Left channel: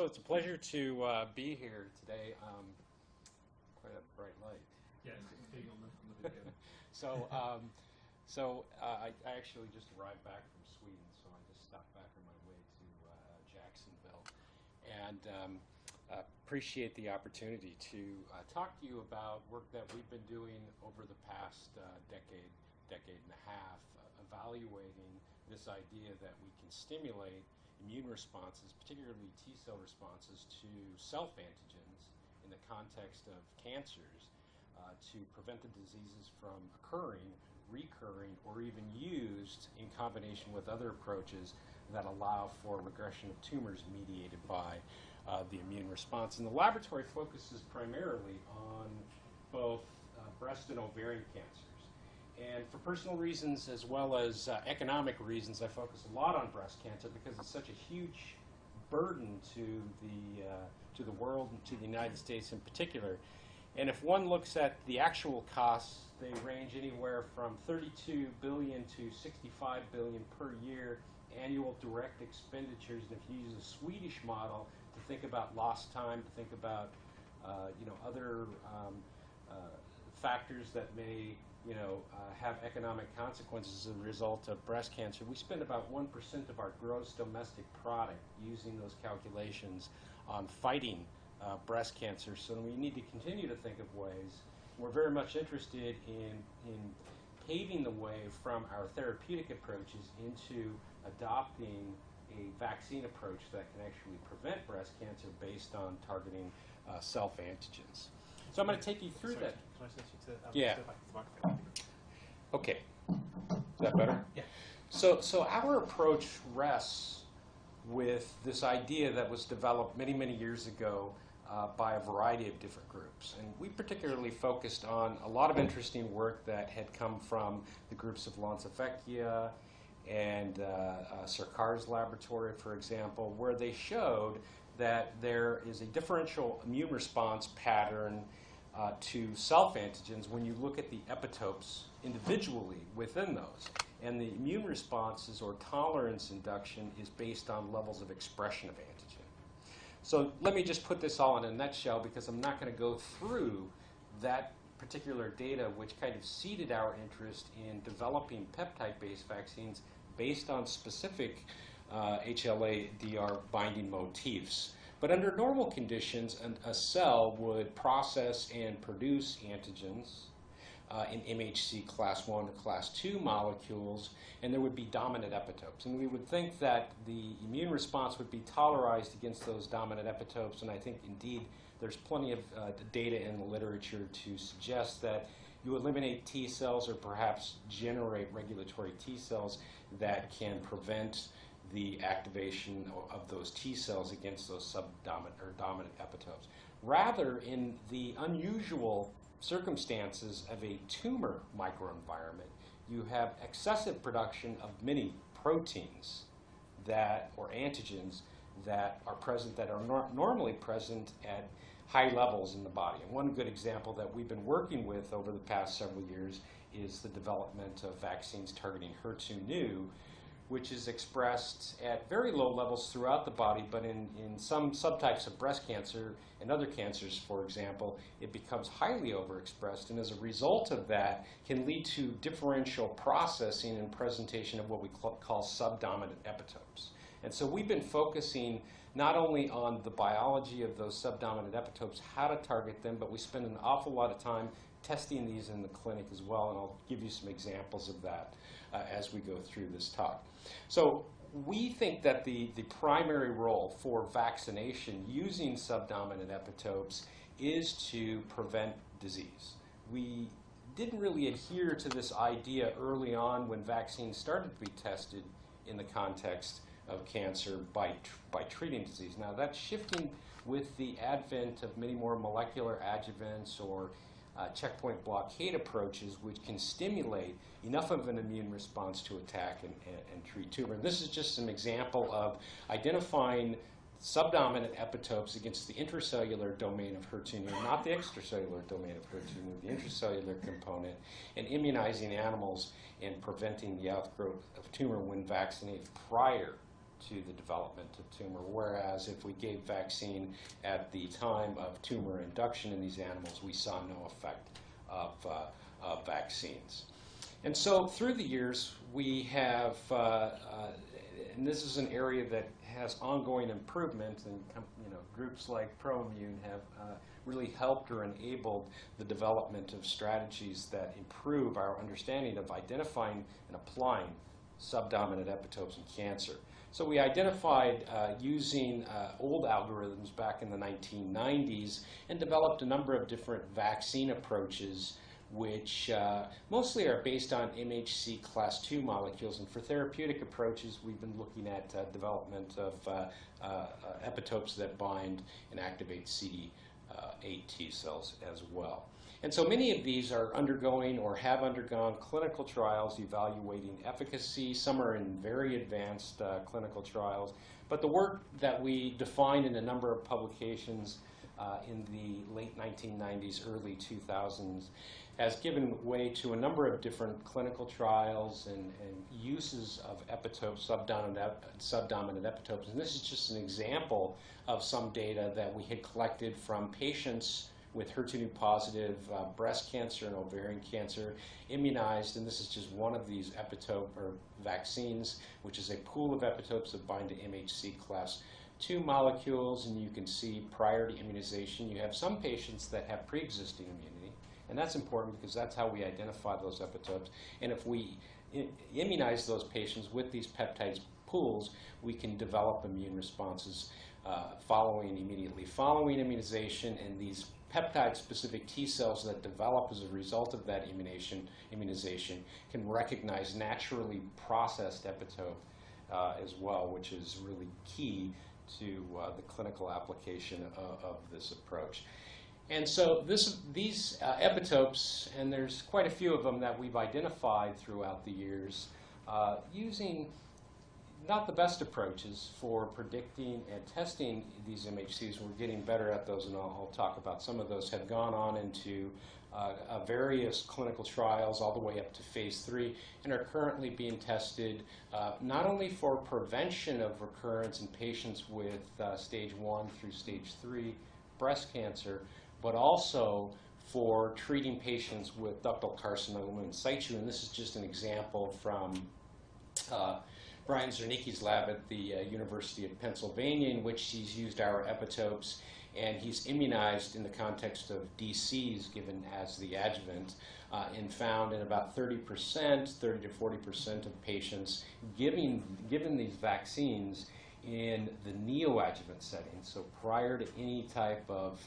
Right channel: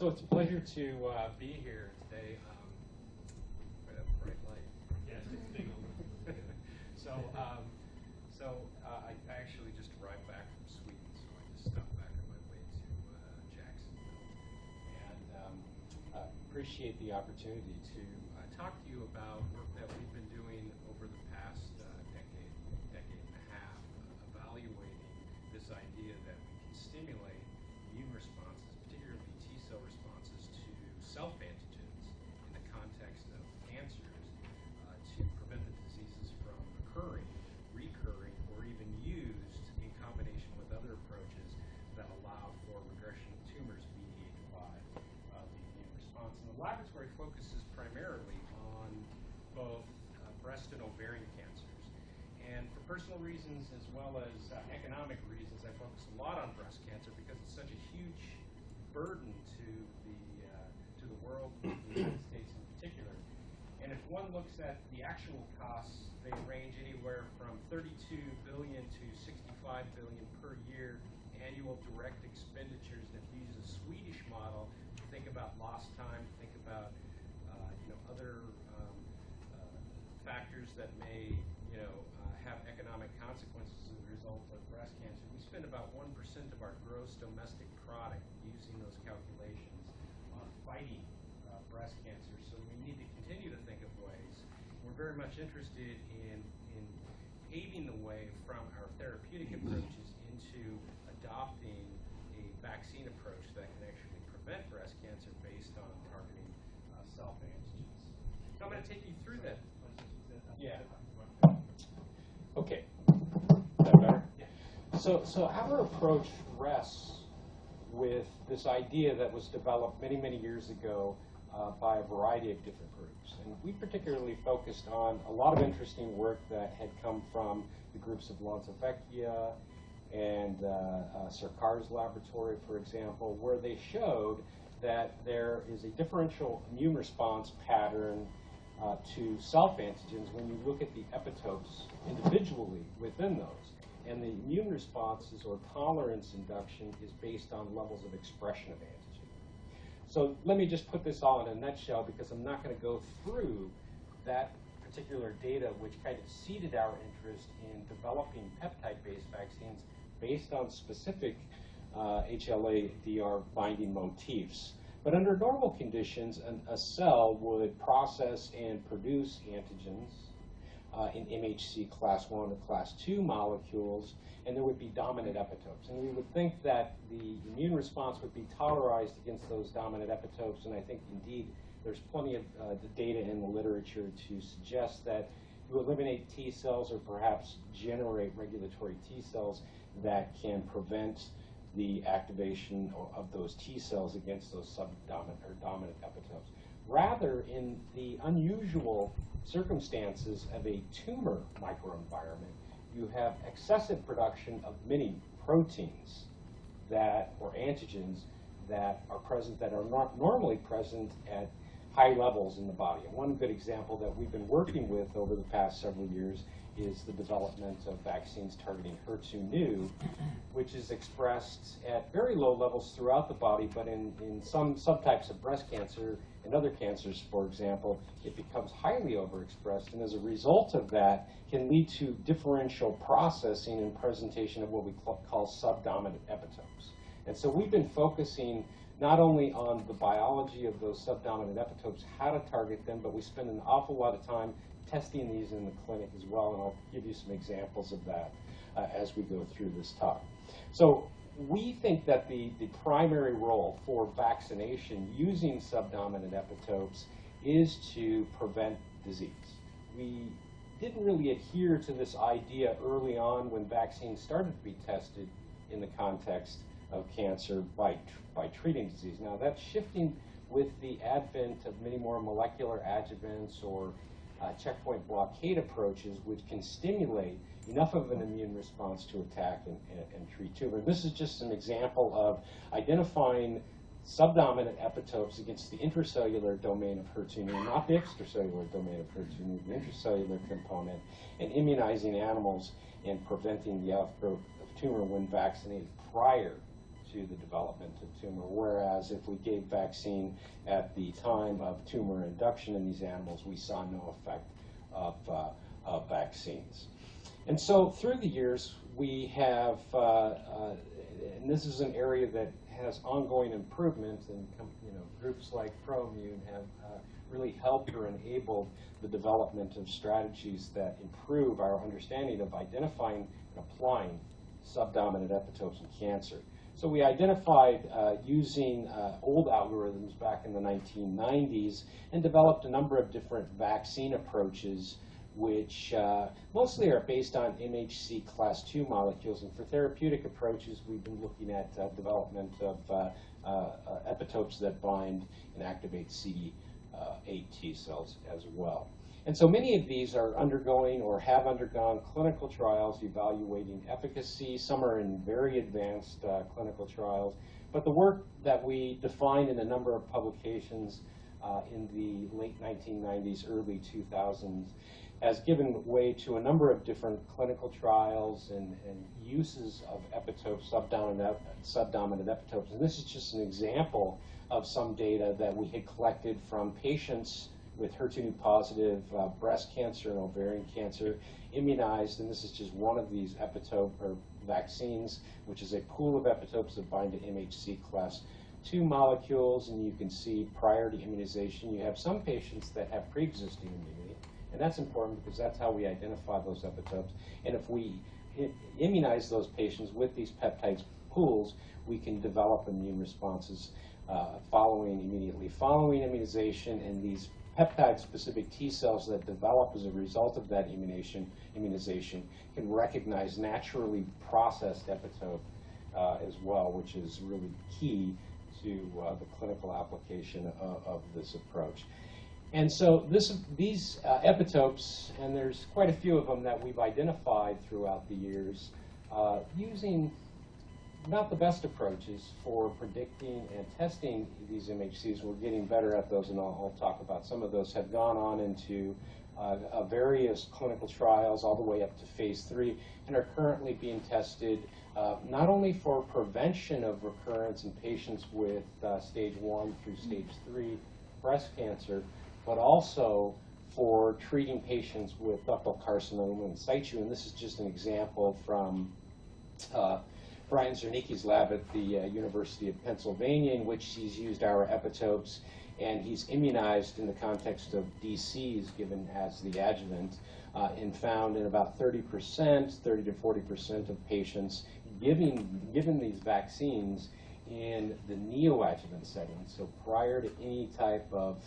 So it's a pleasure to be here today. Quite a bright light. Yes, it's big. I actually just arrived back from Sweden, so I just stopped back on my way to Jacksonville, and appreciate the opportunity to talk to you about work that we've been doing over the past decade and a half, evaluating this idea that we can stimulate immune responses, particularly T-cell responses, to self-antigens in the context of cancers to prevent the diseases from occurring, recurring, or even used in combination with other approaches that allow for regression of tumors mediated by the immune response. And the laboratory focuses primarily on both breast and ovarian cancers. And for personal reasons as well as economic reasons, I focus a lot on breast cancer because it's such a huge burden to the world and to the United States in particular. And if one looks at the actual costs, they range anywhere from $32 billion to $65 billion per year annual direct expenditures. And if you use a Swedish model to think about lost time, to think about other factors that may have economic consequences as a result of breast cancer, we spend about 1% of our gross domestic product using those calculations on fighting breast cancer. So we need to continue to think of ways. We're very much interested in paving the way from our therapeutic approaches into adopting a vaccine approach that can actually prevent breast cancer based on targeting self-antigens. So I'm going to take you through that. Yeah. Okay. Is that better? Yeah. So our approach rests with this idea that was developed many, many years ago by a variety of different groups. And we particularly focused on a lot of interesting work that had come from the groups of Vecchia and Sarkar's laboratory, for example, where they showed that there is a differential immune response pattern to self-antigens when you look at the epitopes individually within those. And the immune responses or tolerance induction is based on levels of expression of antigen. So let me just put this all in a nutshell because I'm not going to go through that particular data, which kind of seeded our interest in developing peptide-based vaccines based on specific HLA-DR binding motifs. But under normal conditions, a cell would process and produce antigens in MHC class 1 or class 2 molecules, and there would be dominant epitopes. And we would think that the immune response would be tolerized against those dominant epitopes, and I think indeed there's plenty of data in the literature to suggest that you eliminate T cells or perhaps generate regulatory T cells that can prevent the activation of those T cells against those subdominant or dominant epitopes. Rather, in the unusual circumstances of a tumor microenvironment, you have excessive production of many proteins or antigens that are present that are not normally present at high levels in the body. And one good example that we've been working with over the past several years is the development of vaccines targeting HER2/neu, which is expressed at very low levels throughout the body, but in some subtypes of breast cancer and other cancers, for example, it becomes highly overexpressed, and as a result of that can lead to differential processing and presentation of what we call subdominant epitopes. And so we've been focusing not only on the biology of those subdominant epitopes, how to target them, but we spend an awful lot of time testing these in the clinic as well, and I'll give you some examples of that as we go through this talk. So we think that the primary role for vaccination using subdominant epitopes is to prevent disease. We didn't really adhere to this idea early on when vaccines started to be tested in the context of cancer by treating disease. Now that's shifting with the advent of many more molecular adjuvants or checkpoint blockade approaches, which can stimulate enough of an immune response to attack and treat tumor. This is just an example of identifying subdominant epitopes against the intracellular domain of HER2/neu, not the extracellular domain of HER2/neu, the intracellular component, and immunizing animals and preventing the outgrowth of tumor when vaccinated prior to the development of tumor, whereas if we gave vaccine at the time of tumor induction in these animals, we saw no effect of vaccines. And so through the years, we have, and this is an area that has ongoing improvement, and groups like ProImmune have really helped or enabled the development of strategies that improve our understanding of identifying and applying subdominant epitopes in cancer. So we identified using old algorithms back in the 1990s and developed a number of different vaccine approaches which mostly are based on MHC class II molecules. And for therapeutic approaches, we've been looking at development of epitopes that bind and activate CD8 T cells as well. And so many of these are undergoing or have undergone clinical trials evaluating efficacy. Some are in very advanced clinical trials. But the work that we defined in a number of publications in the late 1990s, early 2000s, has given way to a number of different clinical trials and uses of epitopes, subdominant epitopes. And this is just an example of some data that we had collected from patients with HER2 positive breast cancer and ovarian cancer immunized, and this is just one of these epitope or vaccines, which is a pool of epitopes that bind to MHC class II molecules, and you can see prior to immunization you have some patients that have pre-existing immunity, and that's important because that's how we identify those epitopes. And if we immunize those patients with these peptides pools, we can develop immune responses immediately following immunization, and these peptide-specific T cells that develop as a result of that immunization can recognize naturally processed epitope as well, which is really key to the clinical application of this approach. And so these epitopes, and there's quite a few of them that we've identified throughout the years, using not the best approaches for predicting and testing these MHCs. We're getting better at those, and I'll talk about some of those, have gone on into various clinical trials all the way up to phase 3 and are currently being tested not only for prevention of recurrence in patients with stage 1 through stage 3 breast cancer, but also for treating patients with ductal carcinoma in situ. And this is just an example from Brian Zernicki's lab at the University of Pennsylvania, in which he's used our epitopes, and he's immunized in the context of DCs given as the adjuvant, and found in about 30% to 40% of patients given these vaccines in the neoadjuvant setting, so prior to any type of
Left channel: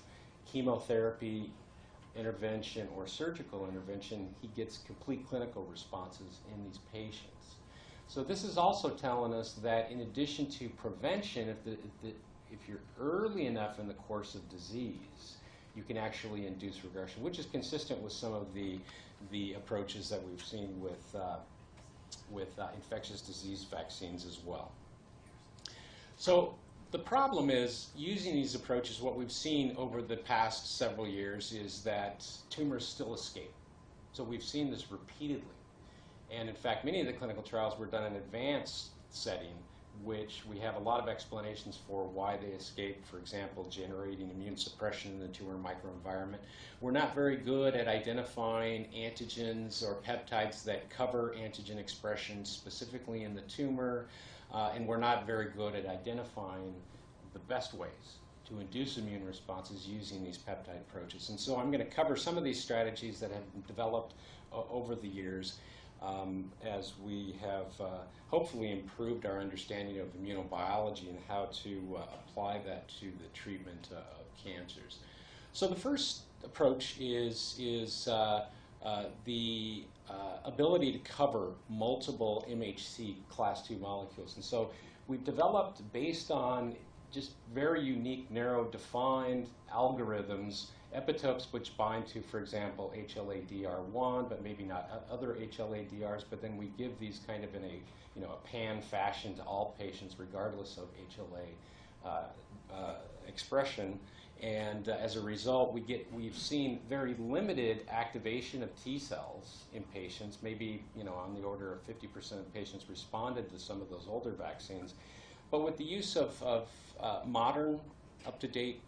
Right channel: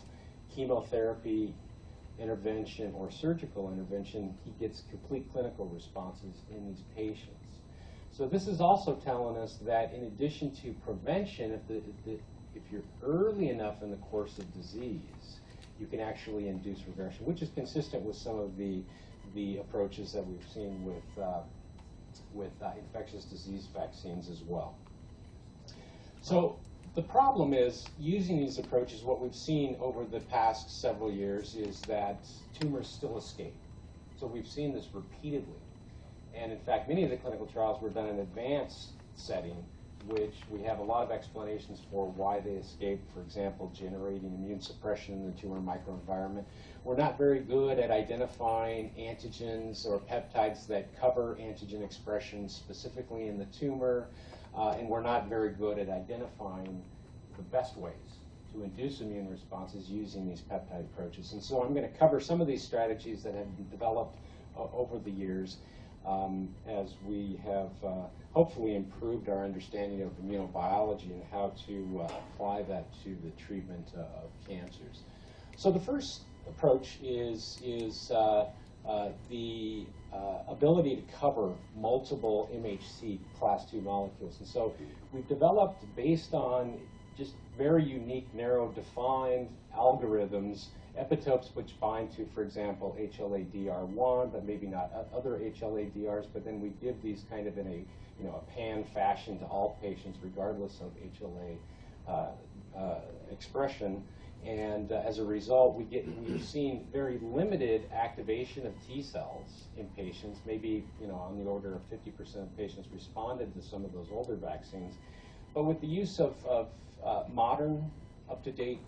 chemotherapy intervention or surgical intervention, he gets complete clinical responses in these patients. So this is also telling us that in addition to prevention, if you're early enough in the course of disease, you can actually induce regression, which is consistent with some of the approaches that we've seen with infectious disease vaccines as well. So the problem is, using these approaches, what we've seen over the past several years is that tumors still escape. So we've seen this repeatedly. And in fact, many of the clinical trials were done in advanced setting, which we have a lot of explanations for why they escape. For example, generating immune suppression in the tumor microenvironment. We're not very good at identifying antigens or peptides that cover antigen expression specifically in the tumor, and we're not very good at identifying the best ways to induce immune responses using these peptide approaches. And so I'm going to cover some of these strategies that have been developed over the years as we have hopefully improved our understanding of immunobiology and how to apply that to the treatment of cancers. So the first approach is the ability to cover multiple MHC class II molecules. And so we've developed, based on just very unique, narrow, defined algorithms, epitopes which bind to, for example, HLA-DR1, but maybe not other HLA-DRs, but then we give these kind of in a pan fashion to all patients regardless of HLA expression. And as a result, we've seen very limited activation of T cells in patients. Maybe on the order of 50% of patients responded to some of those older vaccines. But with the use of modern, up-to-date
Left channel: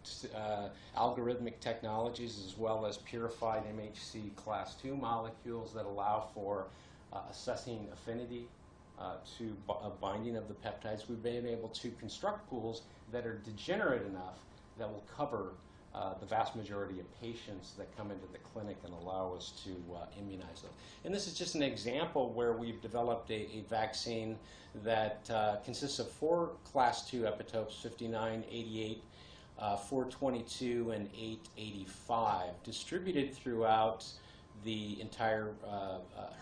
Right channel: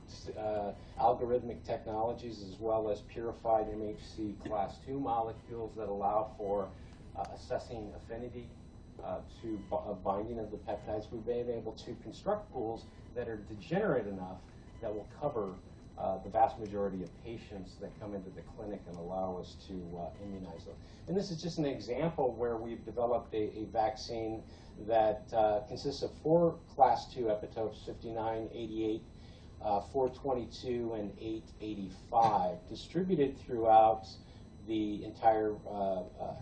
algorithmic technologies, as well as purified MHC class II molecules that allow for assessing affinity to binding of the peptides, we've been able to construct pools that are degenerate enough that will cover the vast majority of patients that come into the clinic and allow us to immunize them. And this is just an example where we've developed a vaccine that consists of 4 class II epitopes, 59, 88, 422, and 885, distributed throughout the entire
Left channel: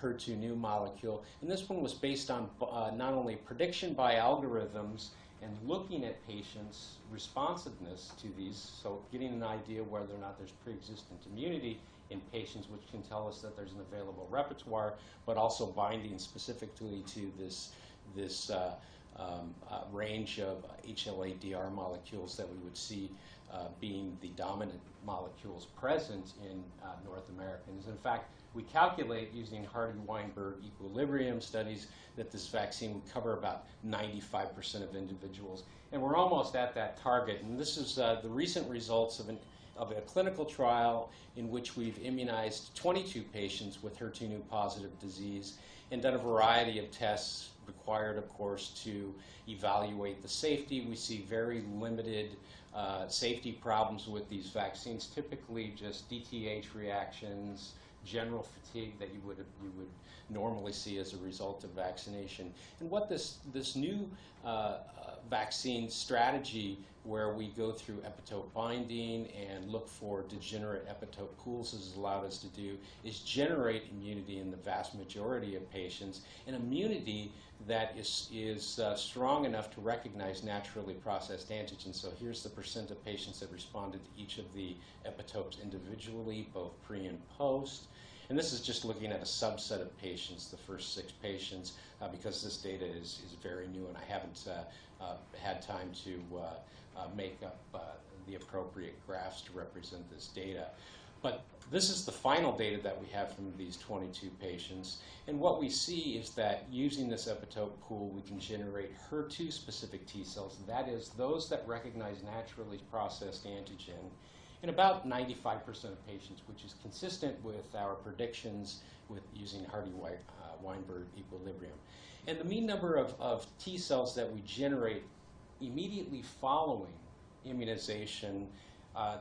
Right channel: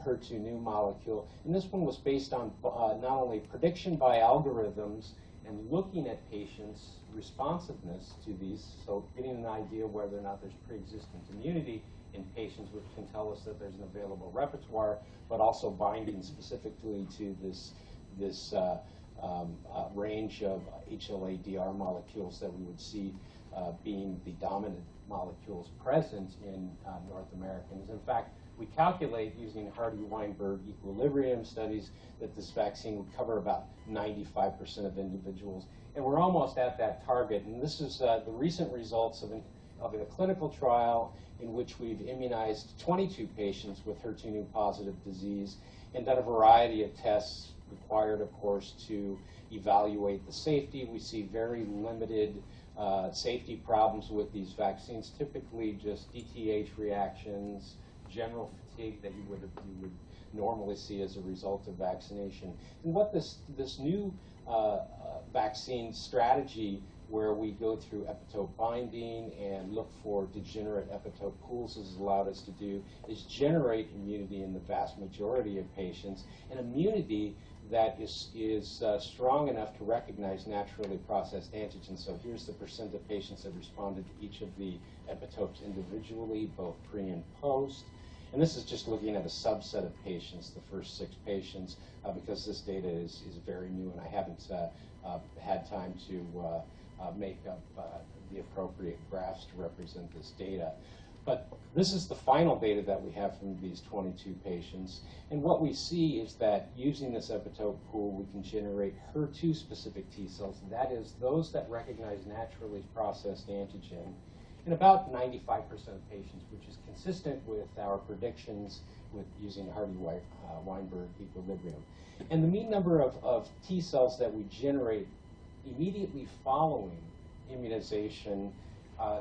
HER2 new molecule. And this one was based on not only prediction by algorithms and looking at patients' responsiveness to these, so getting an idea whether or not there's pre-existent immunity in patients, which can tell us that there's an available repertoire, but also binding specifically to this range of HLA-DR molecules that we would see being the dominant molecules present in North Americans. In fact, we calculate using Hardy-Weinberg equilibrium studies that this vaccine would cover about 95% of individuals. And we're almost at that target. And this is the recent results of a clinical trial in which we've immunized 22 patients with HER2 positive disease and done a variety of tests required, of course, to evaluate the safety. We see very limited safety problems with these vaccines, typically just DTH reactions, general fatigue that you would normally see as a result of vaccination. And what this new vaccine strategy, where we go through epitope binding and look for degenerate epitope pools, has allowed us to do is generate immunity in the vast majority of patients, and immunity that is strong enough to recognize naturally processed antigens. So here's the percent of patients that responded to each of the epitopes individually, both pre and post. And this is just looking at a subset of patients, the first 6 patients, because this data is very new and I haven't had time to make up the appropriate graphs to represent this data. But this is the final data that we have from these 22 patients. And what we see is that using this epitope pool, we can generate HER2-specific T cells, that is, those that recognize naturally processed antigen, in about 95% of patients, which is consistent with our predictions with using Hardy-Weinberg equilibrium. And the mean number of T cells that we generate immediately following immunization,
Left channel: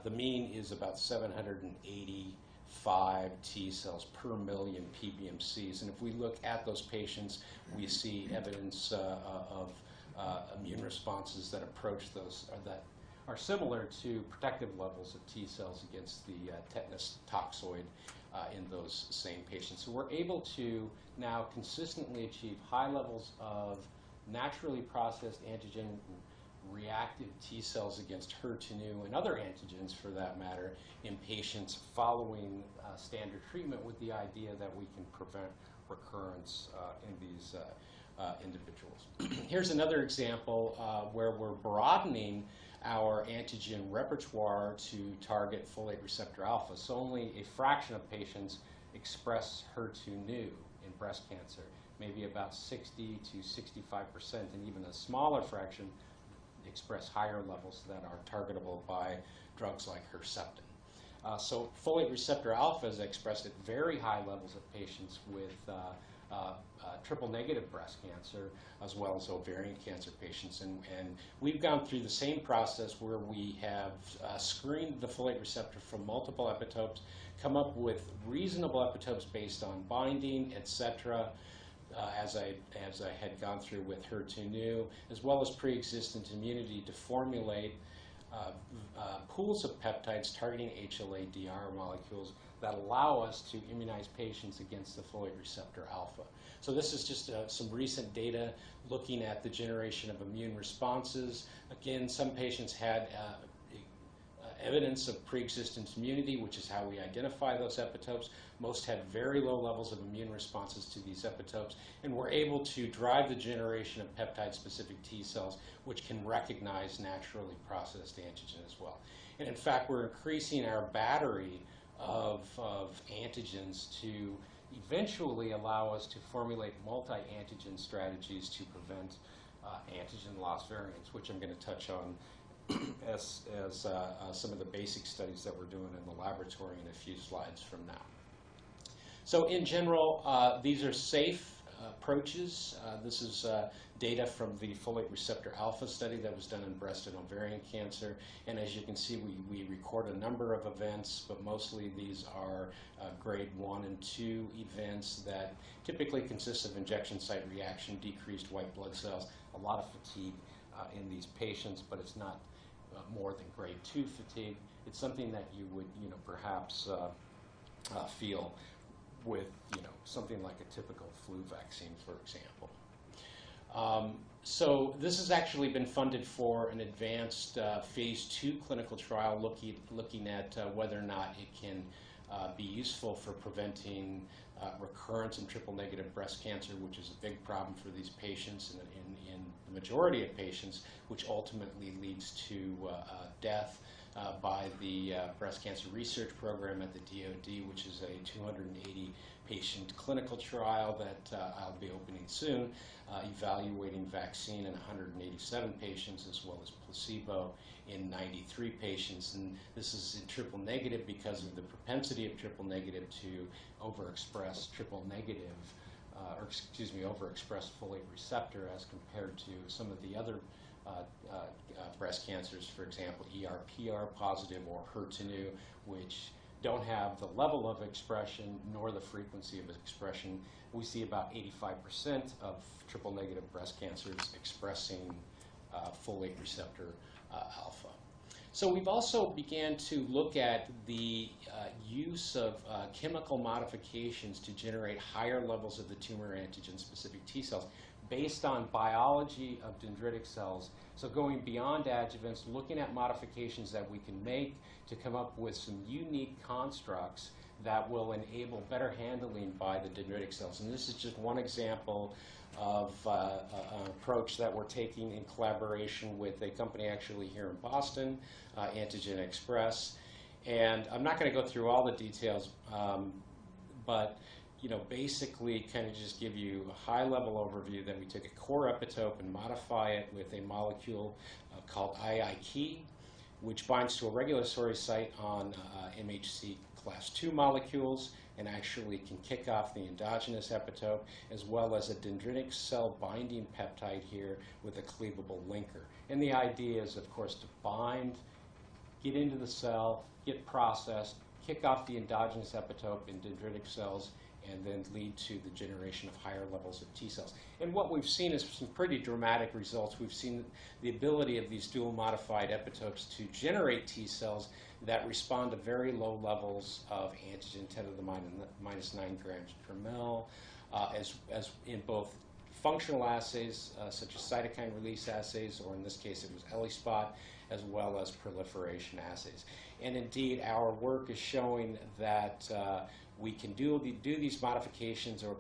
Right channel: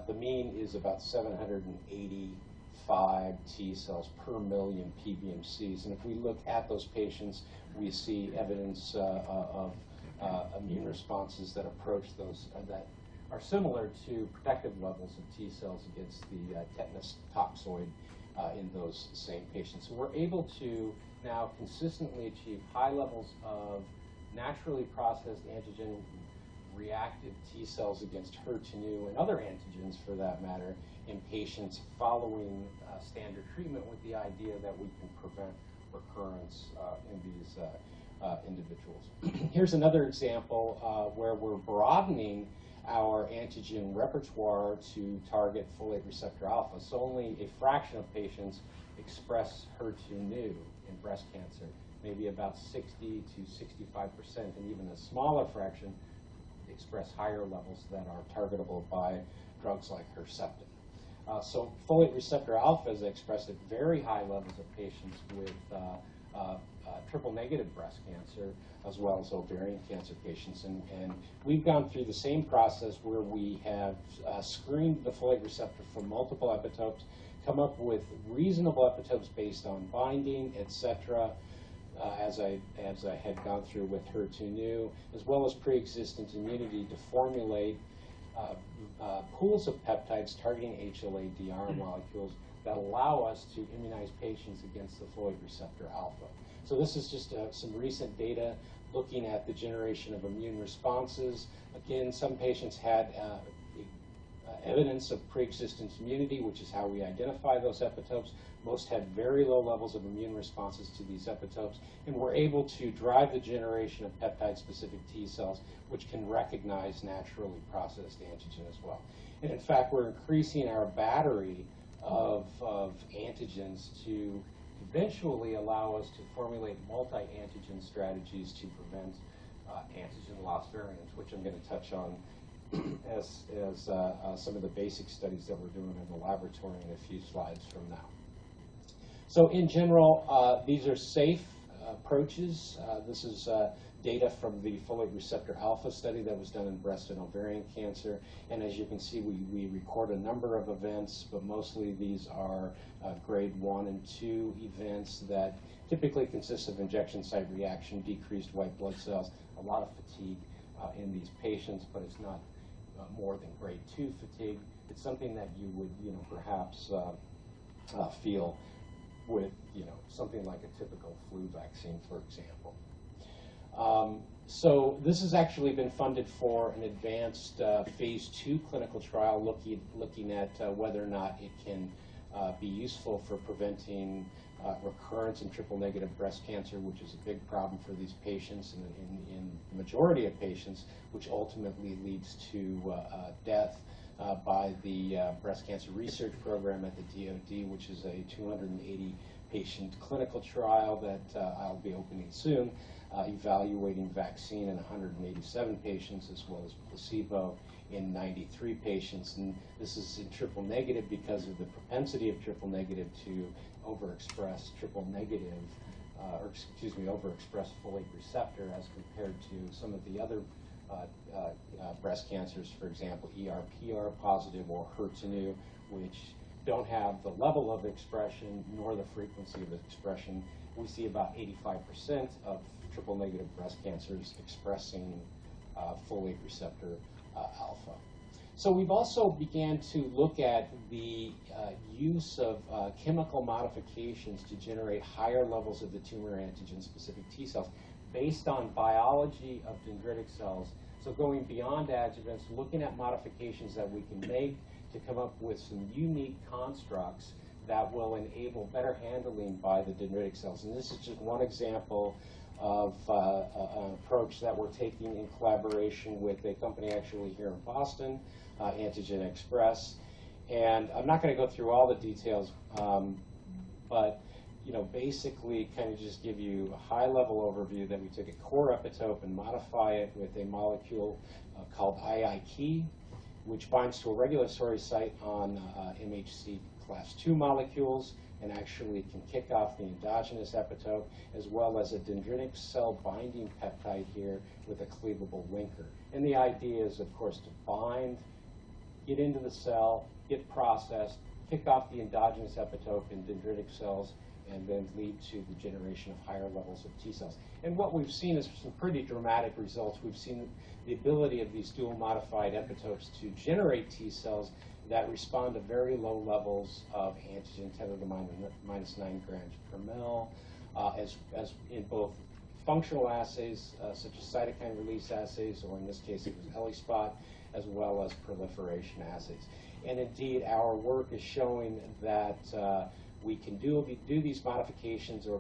the mean is about 785 T cells per million PBMCs. And if we look at those patients, we see evidence of immune responses that approach those, that are similar to protective levels of T cells against the tetanus toxoid in those same patients. So we're able to now consistently achieve high levels of naturally processed antigen reactive T cells against HER2 and other antigens, for that matter, in patients following standard treatment, with the idea that we can prevent recurrence in these individuals. Here's another example where we're broadening our antigen repertoire to target folate receptor alpha. So only a fraction of patients express HER2 new in breast cancer, maybe about 60 to 65%, and even a smaller fraction express higher levels that are targetable by drugs like Herceptin. So folate receptor alpha is expressed at very high levels of patients with triple-negative breast cancer, as well as ovarian cancer patients. And we've gone through the same process where we have screened the folate receptor from multiple epitopes, come up with reasonable epitopes based on binding, etc., as I had gone through with HER2 new, as well as pre-existent immunity to formulate pools of peptides targeting HLA-DR molecules that allow us to immunize patients against the folate receptor alpha. So this is just some recent data looking at the generation of immune responses. Again, some patients had evidence of pre-existent immunity, which is how we identify those epitopes. Most had very low levels of immune responses to these epitopes, and we're able to drive the generation of peptide-specific T cells, which can recognize naturally processed antigen as well. And in fact, we're increasing our battery of antigens to eventually allow us to formulate multi-antigen strategies to prevent antigen loss variants, which I'm going to touch on as some of the basic studies that we're doing in the laboratory in a few slides from now. So in general, these are safe approaches. This is data from the folate receptor alpha study that was done in breast and ovarian cancer. And as you can see, we record a number of events, but mostly these are grade 1 and 2 events that typically consist of injection site reaction, decreased white blood cells, a lot of fatigue in these patients, but it's not more than grade 2 fatigue. It's something that you would, perhaps feel with, something like a typical flu vaccine, for example. So this has actually been funded for an advanced phase 2 clinical trial looking at whether or not it can be useful for preventing recurrence in triple-negative breast cancer, which is a big problem for these patients in the majority of patients, which ultimately leads to death by the Breast Cancer Research Program at the DoD, which is a 280-patient clinical trial that I'll be opening soon, evaluating vaccine in 187 patients as well as placebo in 93 patients. And this is in triple negative because of the propensity of triple negative to overexpress overexpress folate receptor as compared to some of the other breast cancers, for example, ER/PR positive or HER2, which don't have the level of expression nor the frequency of expression. We see about 85% of triple-negative breast cancers expressing folate receptor alpha. So we've also began to look at the use of chemical modifications to generate higher levels of the tumor antigen-specific T cells based on biology of dendritic cells. So going beyond adjuvants, looking at modifications that we can make to come up with some unique constructs that will enable better handling by the dendritic cells. And this is just one example of an approach that we're taking in collaboration with a company actually here in Boston, Antigen Express. And I'm not going to go through all the details, but basically kind of just give you a high-level overview that we took a core epitope and modify it with a molecule called IIK, which binds to a regulatory site on MHC class 2 molecules and actually can kick off the endogenous epitope, as well as a dendritic cell binding peptide here with a cleavable linker. And the idea is, of course, to bind, get into the cell, get processed, kick off the endogenous epitope in dendritic cells, and then lead to the generation of higher levels of T cells. And what we've seen is some pretty dramatic results. We've seen the ability of these dual modified epitopes to generate T cells that respond to very low levels of antigen, 10 to the minus 9 grams per mil, as in both functional assays, such as cytokine release assays, or in this case it was ELISpot, as well as proliferation assays. And indeed, our work is showing that we can do these modifications or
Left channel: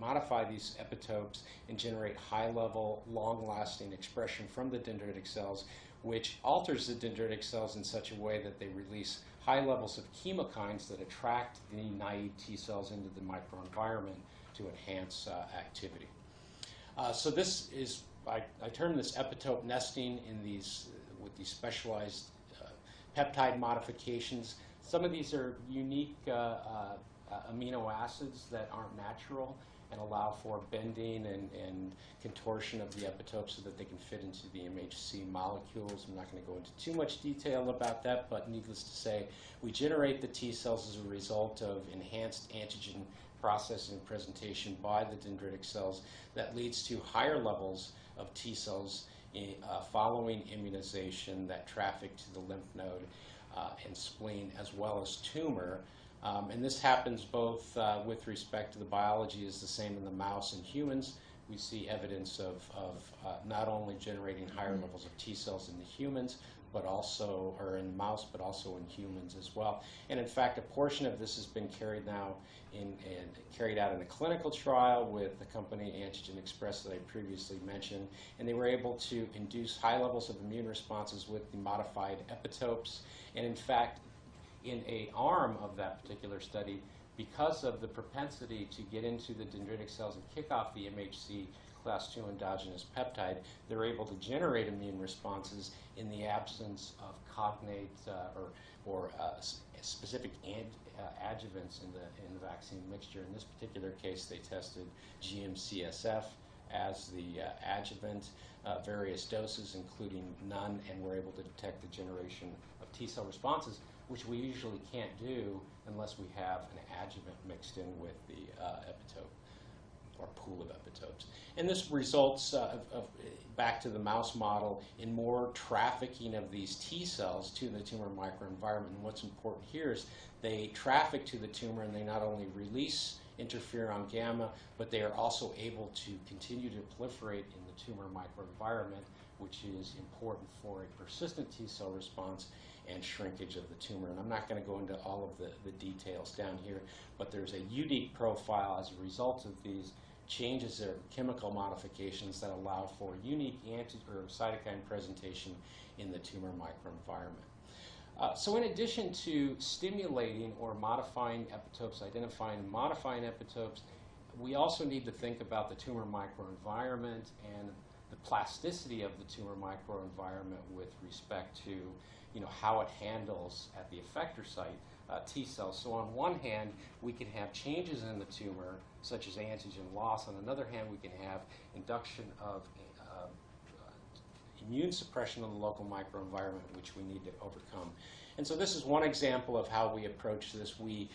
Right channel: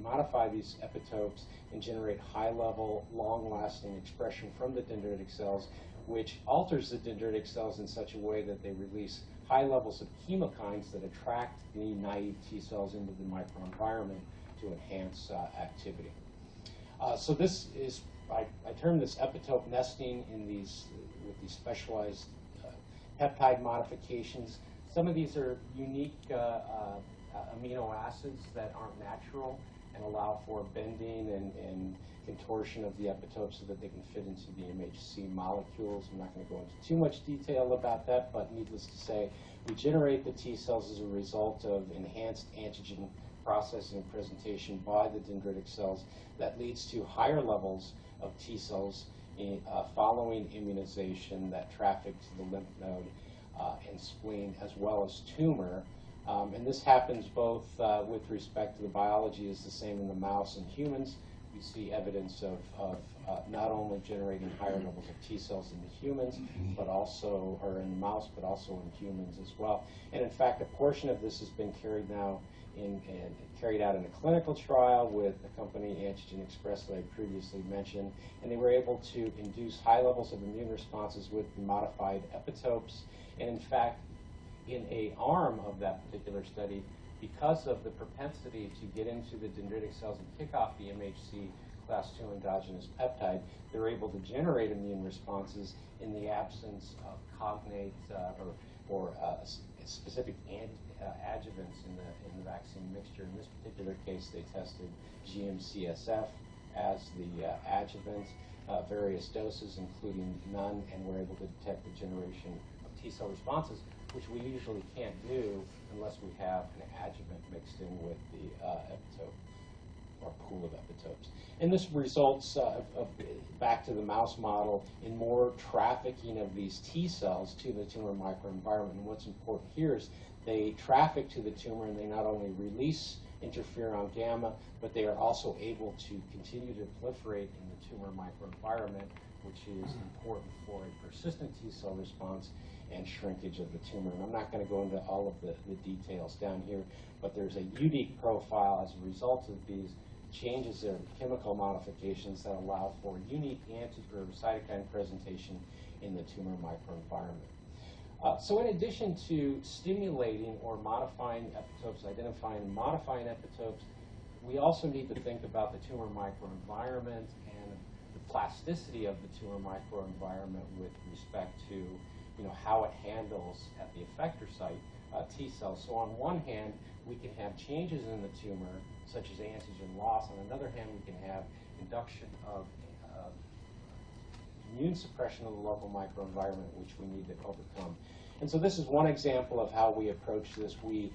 modify these epitopes and generate high-level, long-lasting expression from the dendritic cells, which alters the dendritic cells in such a way that they release high levels of chemokines that attract the naive T cells into the microenvironment to enhance activity. So this is, I term this epitope nesting in with these specialized peptide modifications. Some of these are unique amino acids that aren't natural and allow for bending and contortion of the epitope so that they can fit into the MHC molecules. I'm not going to go into too much detail about that, but needless to say, we generate the T cells as a result of enhanced antigen processing and presentation by the dendritic cells that leads to higher levels of T cells following immunization that traffic to the lymph node and spleen, as well as tumor. And this happens both with respect to the biology is the same in the mouse and humans. We see evidence of not only generating higher levels of T cells in the humans, but also, or in mouse, but also in humans as well. And in fact, a portion of this has been carried out in a clinical trial with the company Antigen Express that I previously mentioned, and they were able to induce high levels of immune responses with the modified epitopes. And in fact, in an arm of that particular study, because of the propensity to get into the dendritic cells and kick off the MHC class 2 endogenous peptide, they're able to generate immune responses in the absence of cognate or specific adjuvants in the vaccine mixture. In this particular case, they tested GMSCF as the adjuvant, various doses, including none, and were able to detect the generation of T-cell responses, which we usually can't do unless we have an adjuvant mixed in with the epitope or pool of epitopes. And this results, back to the mouse model, in more trafficking of these T cells to the tumor microenvironment. And what's important here is they traffic to the tumor, and they not only release interferon gamma, but they are also able to continue to proliferate in the tumor microenvironment, which is important for a persistent T cell response and shrinkage of the tumor. And I'm not going to go into all of the details down here, but there's a unique profile as a result of these changes of chemical modifications that allow for unique cytokine presentation in the tumor microenvironment. So in addition to stimulating or modifying epitopes, identifying and modifying epitopes, we also need to think about the tumor microenvironment and the plasticity of the tumor microenvironment with respect to how it handles at the effector site T cells. So on one hand, we can have changes in the tumor, such as antigen loss. On another hand, we can have induction of immune suppression of the local microenvironment, which we need to overcome. And so this is one example of how we approach this. We,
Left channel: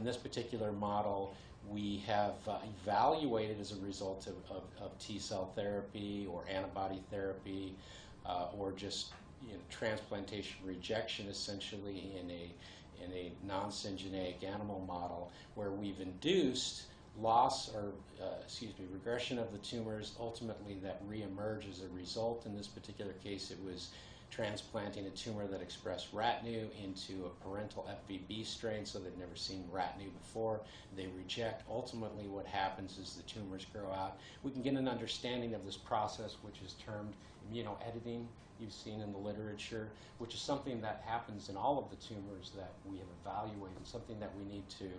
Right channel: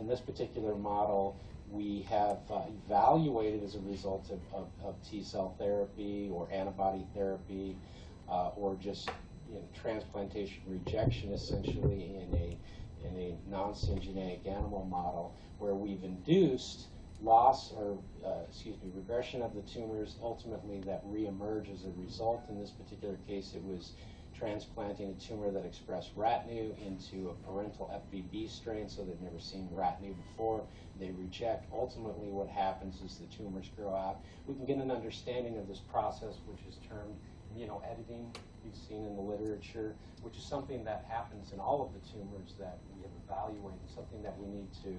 in this particular model, we have evaluated as a result of T cell therapy or antibody therapy or just transplantation rejection, essentially in a non-syngeneic animal model, where we've induced loss or regression of the tumors, ultimately that reemerge as a result. In this particular case, it was transplanting a tumor that expressed RATNU into a parental FVB strain, so they'd never seen RATNU before. They reject. Ultimately, what happens is the tumors grow out. We can get an understanding of this process, which is termed immunoediting. You've seen in the literature, which is something that happens in all of the tumors that we have evaluated, something that we need to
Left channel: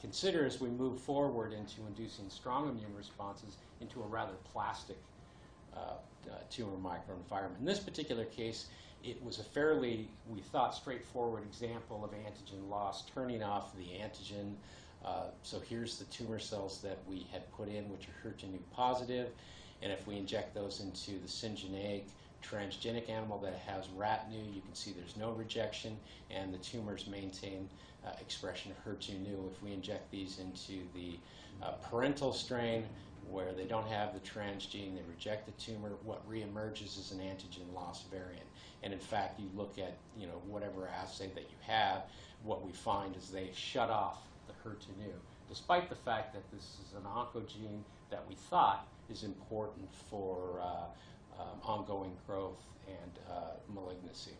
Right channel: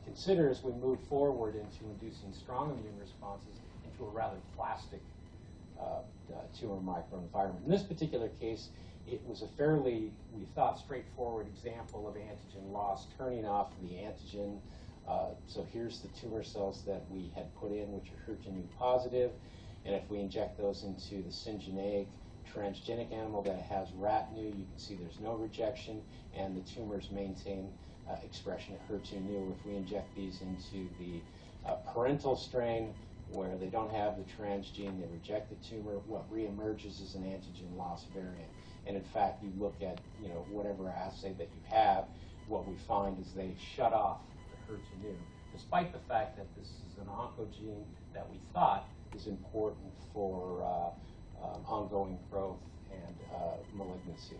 consider as we move forward into inducing strong immune responses into a rather plastic tumor microenvironment. In this particular case, it was a fairly, we thought, straightforward example of antigen loss, turning off the antigen. So here's the tumor cells that we had put in, which are HER2 positive, and if we inject those into the syngeneic transgenic animal that has RATNU, you can see there's no rejection, and the tumors maintain expression of HER2. If we inject these into the parental strain, where they don't have the transgene, they reject the tumor, what reemerges is an antigen loss variant. And in fact, you look at whatever assay that you have, what we find is they shut off the HER2, despite the fact that this is an oncogene that we thought is important for ongoing growth and malignancy.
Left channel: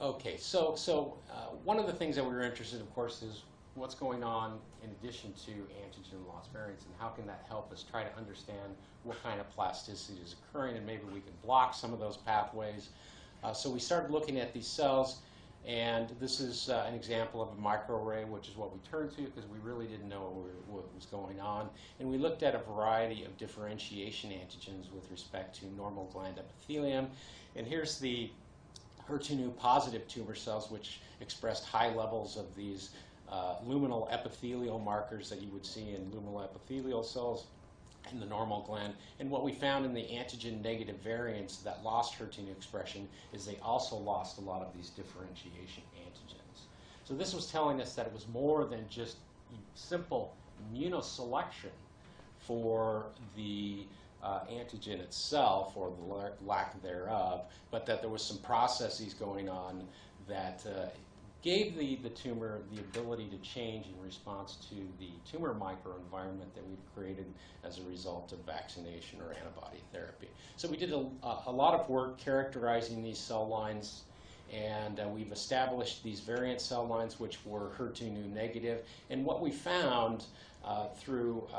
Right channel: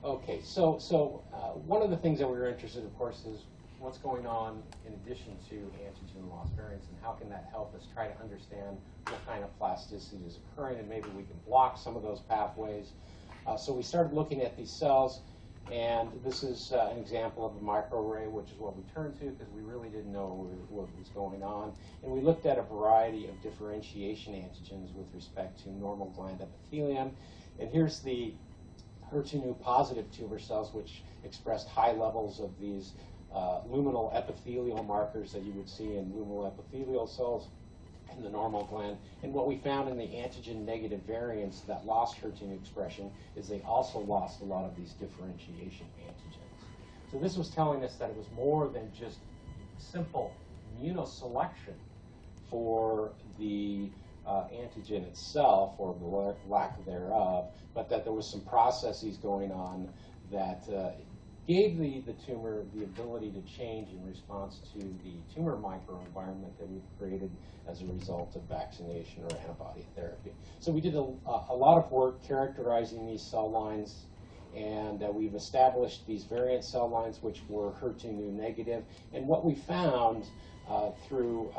Okay, so one of the things that we're interested in, of course, is what's going on in addition to antigen loss variants, and how can that help us try to understand what kind of plasticity is occurring, and maybe we can block some of those pathways. So we started looking at these cells, and this is an example of a microarray, which is what we turned to because we really didn't know what was going on. And we looked at a variety of differentiation antigens with respect to normal gland epithelium. And here's the HER2 positive tumor cells, which expressed high levels of these luminal epithelial markers that you would see in luminal epithelial cells in the normal gland. And what we found in the antigen negative variants that lost HER2 expression is they also lost a lot of these differentiation antigens. So this was telling us that it was more than just simple immunoselection for the antigen itself, or the lack thereof, but that there was some processes going on that gave the tumor the ability to change in response to the tumor microenvironment that we've created as a result of vaccination or antibody therapy. So we did a lot of work characterizing these cell lines, and we've established these variant cell lines which were HER2 negative. And what we found through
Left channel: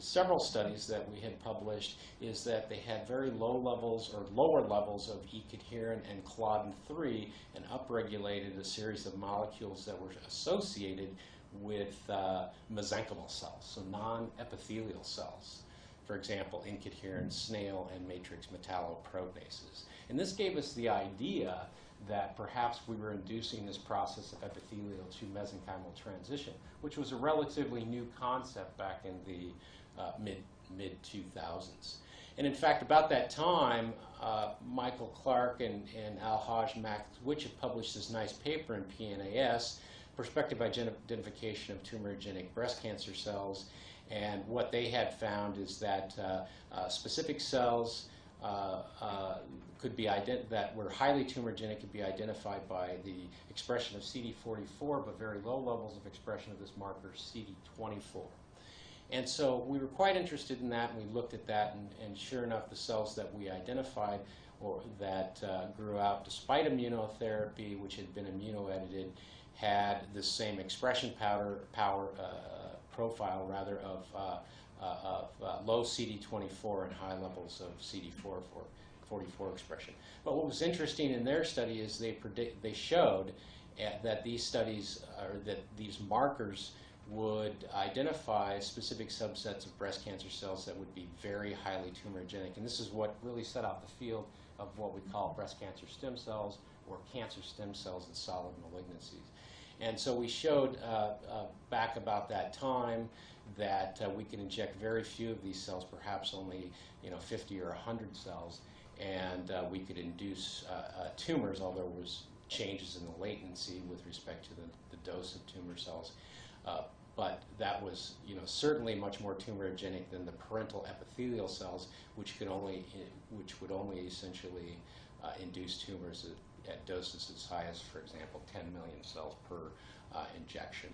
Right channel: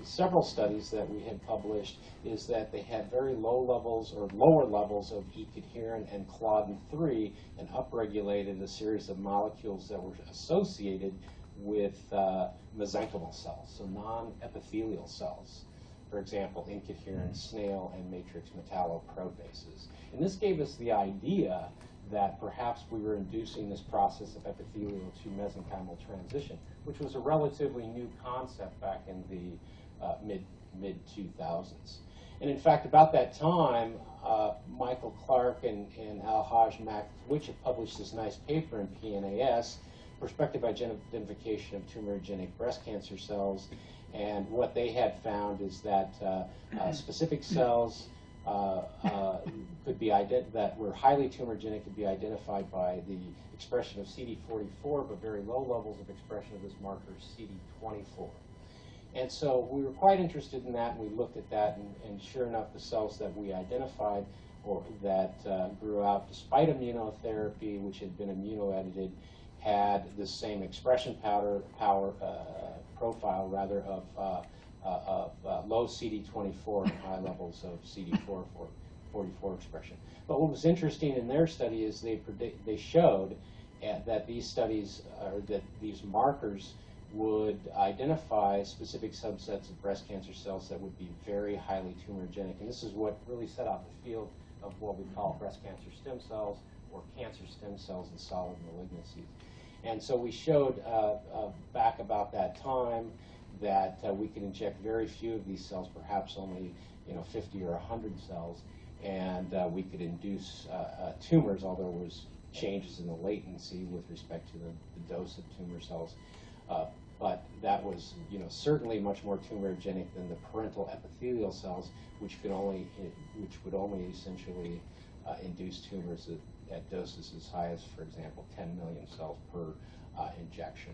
several studies that we had published is that they had very low levels or lower levels of E-coherent and Claudin-3, and upregulated a series of molecules that were associated with mesenchymal cells, so non-epithelial cells. For example, incoherent snail and matrix metalloproteases. And this gave us the idea that perhaps we were inducing this process of epithelial to mesenchymal transition, which was a relatively new concept back in the mid-2000s. And in fact, about that time, Michael Clark and Al-Haj Makwich had published this nice paper in PNAS, Prospective Identification of Tumorigenic Breast Cancer Cells. And what they had found is that specific cells could be that were highly tumorigenic could be identified by the expression of CD44, but very low levels of expression of this marker CD24. And so we were quite interested in that, and we looked at that, and sure enough, the cells that we identified or that grew out despite immunotherapy, which had been immunoedited, had the same expression profile rather of low CD24 and high levels of CD44 expression. But what was interesting in their study is they showed that these studies, or that these markers, would identify specific subsets of breast cancer cells that would be very highly tumorigenic. And this is what really set out the field of what we call breast cancer stem cells, or cancer stem cells in solid malignancies. And so we showed back about that time that we could inject very few of these cells, perhaps only 50 or 100 cells, and we could induce tumors, although there was changes in the latency with respect to the dose of tumor cells. But that was certainly much more tumorigenic than the parental epithelial cells, which would only essentially induce tumors at doses as high as, for example, 10 million cells per injection.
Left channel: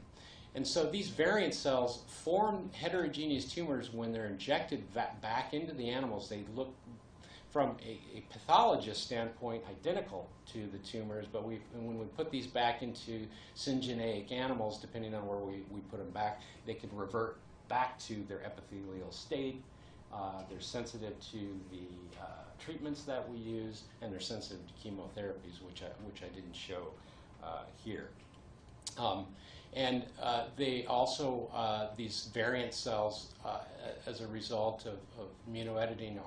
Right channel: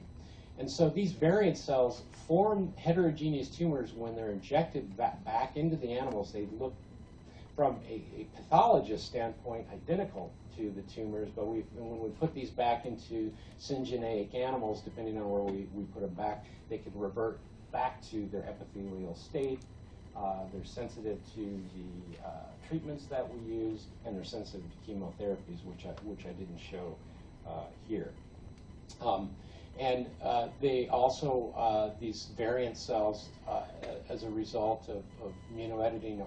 And so these variant cells form heterogeneous tumors when they're injected back into the animals. They look, from a pathologist standpoint, identical to the tumors, but when we put these back into syngeneic animals, depending on where we put them back, they can revert back to their epithelial state. They're sensitive to the treatments that we use, and they're sensitive to chemotherapies, which I didn't show here. They also, these variant cells, as a result of immunoediting,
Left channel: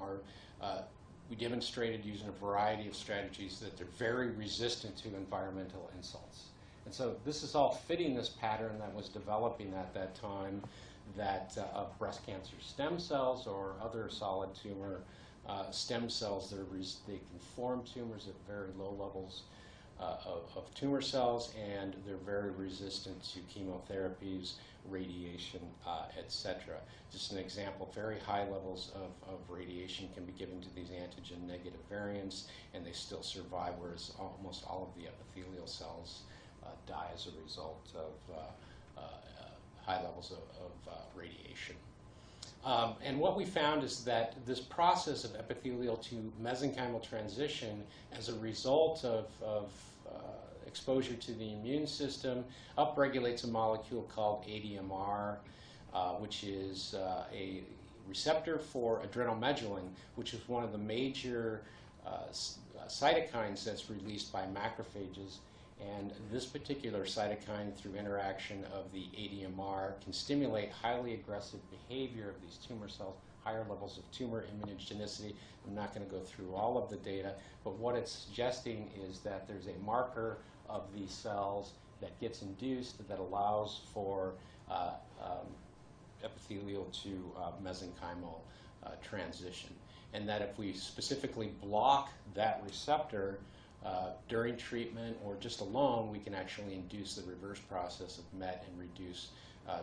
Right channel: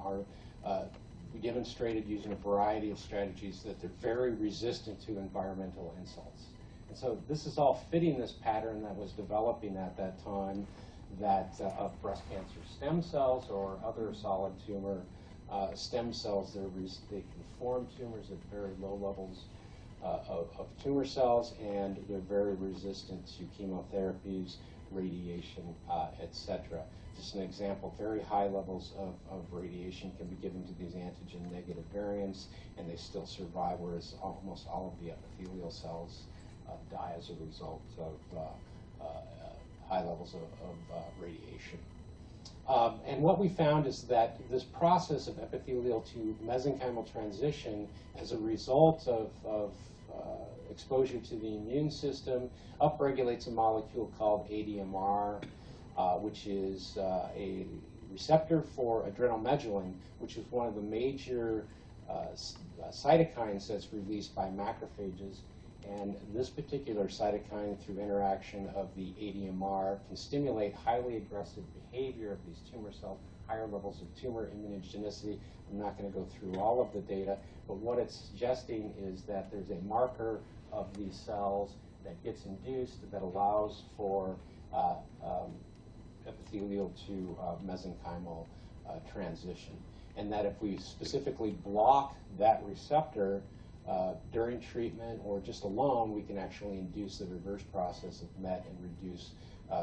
we demonstrated using a variety of strategies that they're very resistant to environmental insults. And so this is all fitting this pattern that was developing at that time, that of breast cancer stem cells or other solid tumor stem cells that they can form tumors at very low levels of tumor cells, and they're very resistant to chemotherapies, radiation, etc. Just an example, very high levels of radiation can be given to these antigen-negative variants, and they still survive, whereas almost all of the epithelial cells die as a result of high levels of radiation. And what we found is that this process of epithelial to mesenchymal transition, as a result of exposure to the immune system, upregulates a molecule called ADMR, which is a receptor for adrenomedulin, which is one of the major cytokines that's released by macrophages. And this particular cytokine, through interaction of the ADMR, can stimulate highly aggressive behavior of these tumor cells, higher levels of tumor immunogenicity. I'm not going to go through all of the data, but what it's suggesting is that there's a marker of these cells that gets induced that allows for epithelial to mesenchymal transition. And that if we specifically block that receptor during treatment or just alone, we can actually induce the reverse process of MET and reduce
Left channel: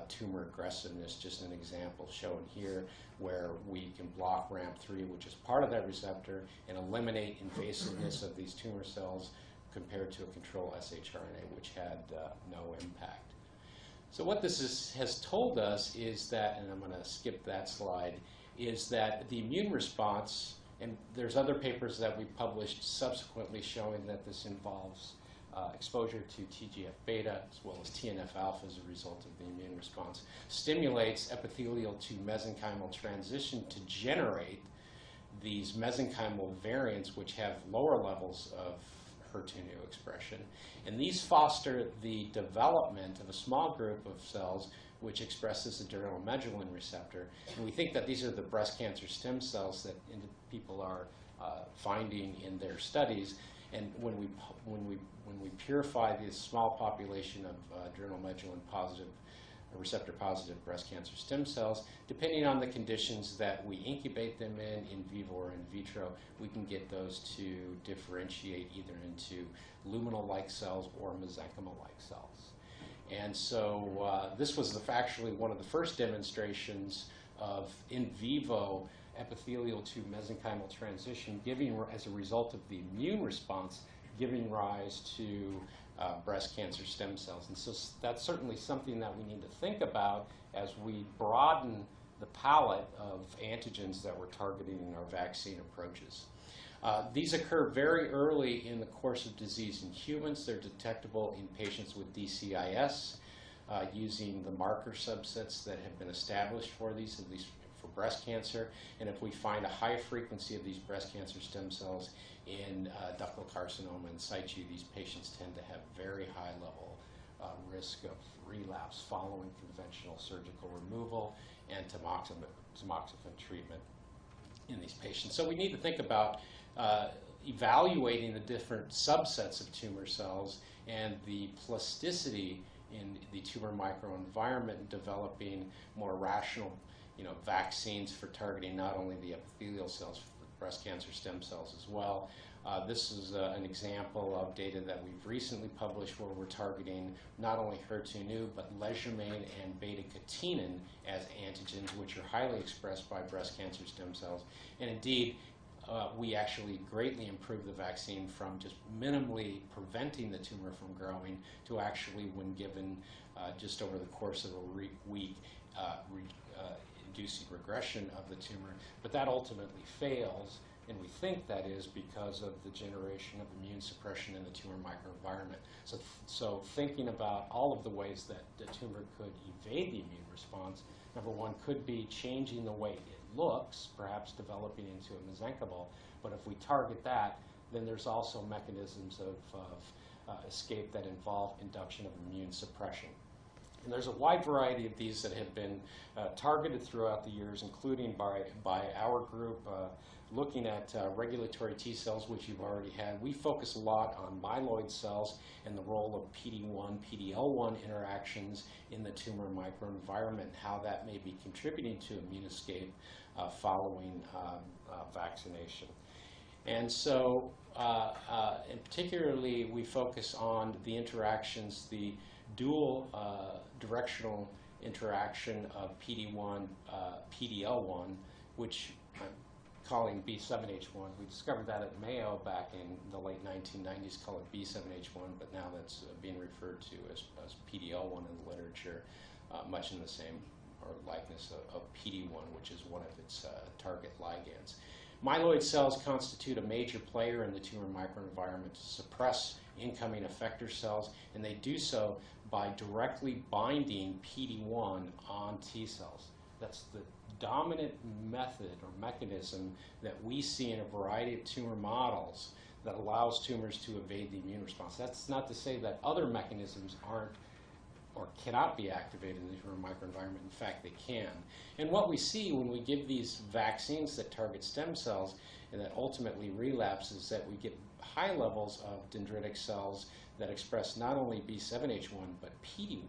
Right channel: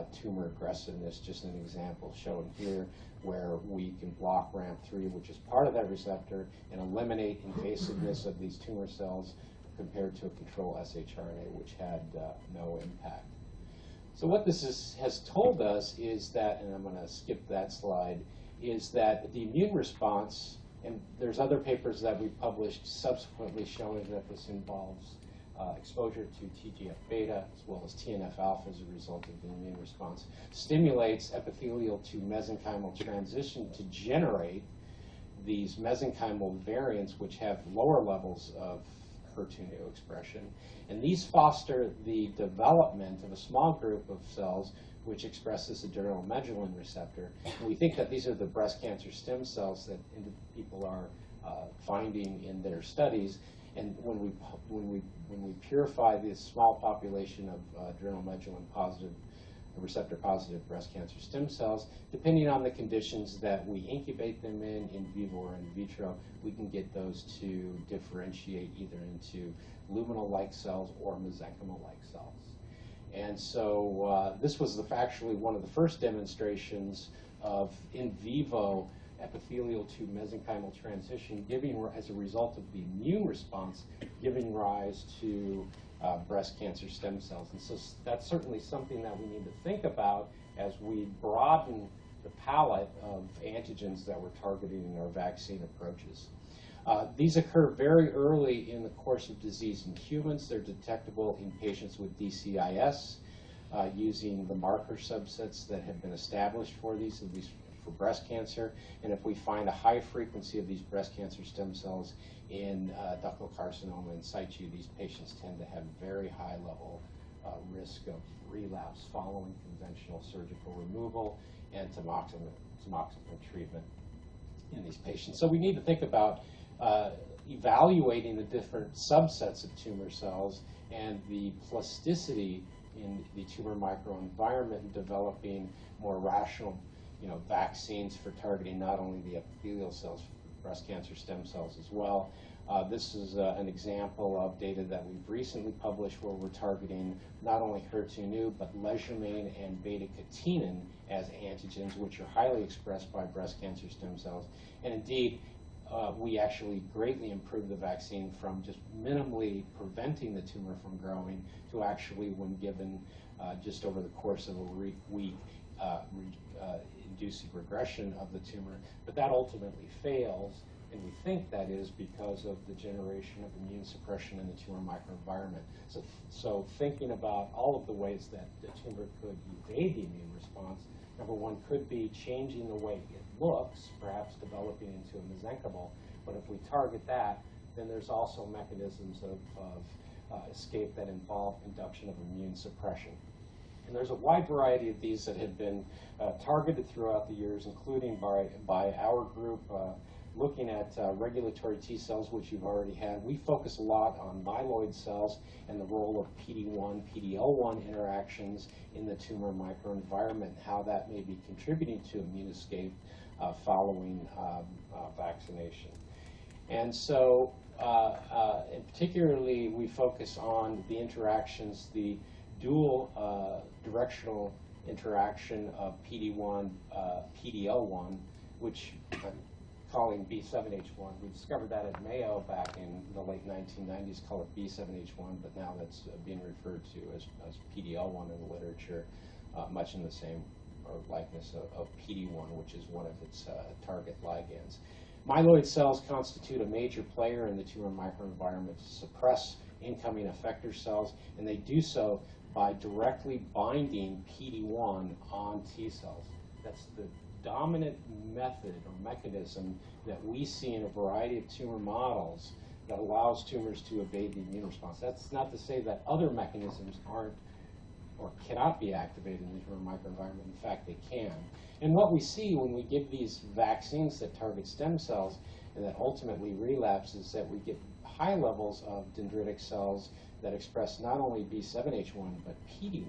tumor aggressiveness. Just an example shown here where we can block RAM3, which is part of that receptor, and eliminate invasiveness of these tumor cells compared to a control shRNA, which had no impact. So what this has told us is that, and I'm going to skip that slide, is that the immune response, and there's other papers that we published subsequently showing that this involves exposure to TGF-beta as well as TNF-alpha as a result of the immune response, stimulates epithelial to mesenchymal transition to generate these mesenchymal variants which have lower levels of HER2/neu expression. And these foster the development of a small group of cells which expresses the adrenomedulin receptor. And we think that these are the breast cancer stem cells that people are finding in their studies. And when we purify this small population of adrenomedulin positive, receptor positive breast cancer stem cells, depending on the conditions that we incubate them in vivo or in vitro, we can get those to differentiate either into luminal-like cells or mesenchymal-like cells. And so this was actually one of the first demonstrations of in vivo epithelial to mesenchymal transition, giving, as a result of the immune response, giving rise to breast cancer stem cells. And so that's certainly something that we need to think about as we broaden the palette of antigens that we're targeting in our vaccine approaches. These occur very early in the course of disease in humans. They're detectable in patients with DCIS using the marker subsets that have been established for these, at least for breast cancer. And if we find a high frequency of these breast cancer stem cells in ductal carcinoma in situ, these patients tend to have very high level risk of relapse following conventional surgical removal and tamoxifen treatment in these patients. So we need to think about evaluating the different subsets of tumor cells and the plasticity in the tumor microenvironment and developing more rational vaccines for targeting not only the epithelial cells, but breast cancer stem cells as well. This is an example of data that we've recently published where we're targeting not only HER2/neu, but leishmanian and beta-catenin as antigens, which are highly expressed by breast cancer stem cells. And indeed, we actually greatly improved the vaccine from just minimally preventing the tumor from growing to actually, when given just over the course of a week, inducing regression of the tumor. But that ultimately fails, and we think that is because of the generation of immune suppression in the tumor microenvironment. So thinking about all of the ways that the tumor could evade the immune response, number one could be changing the way it looks, perhaps developing into a mesenchymal. But if we target that, then there's also mechanisms of escape that involve induction of immune suppression. And there's a wide variety of these that have been targeted throughout the years, including by our group, looking at regulatory T cells, which you've already had. We focus a lot on myeloid cells and the role of PD-1, PD-L1 interactions in the tumor microenvironment, how that may be contributing to immune escape following vaccination. And so particularly we focus on the interactions, the dual directional interaction of PD-1, PD-L1, which I'm calling B7H1. We discovered that at Mayo back in the late 1990s, called it B7H1, but now that's being referred to as PD-L1 in the literature, much in the same likeness of PD-1, which is one of its target ligands. Myeloid cells constitute a major player in the tumor microenvironment to suppress incoming effector cells, and they do so by directly binding PD-1 on T cells. That's the dominant method or mechanism that we see in a variety of tumor models that allows tumors to evade the immune response. That's not to say that other mechanisms aren't or cannot be activated in the tumor microenvironment. In fact, they can. And what we see when we give these vaccines that target stem cells and that ultimately relapse is that we get high levels of dendritic cells that express not only B7H1 but PD-1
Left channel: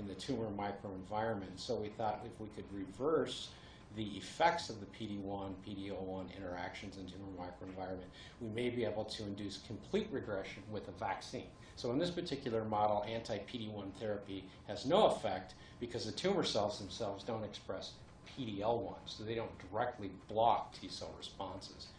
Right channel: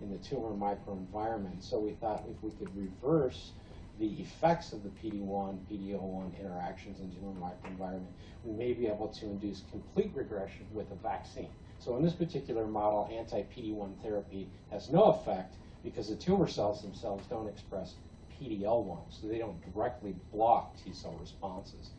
in the tumor microenvironment. So we thought if we could reverse the effects of the PD-1, PD-L1 interactions in tumor microenvironment, we may be able to induce complete regression with a vaccine. So in this particular model, anti-PD-1 therapy has no effect because the tumor cells themselves don't express PD-L1, so they don't directly block T cell responses.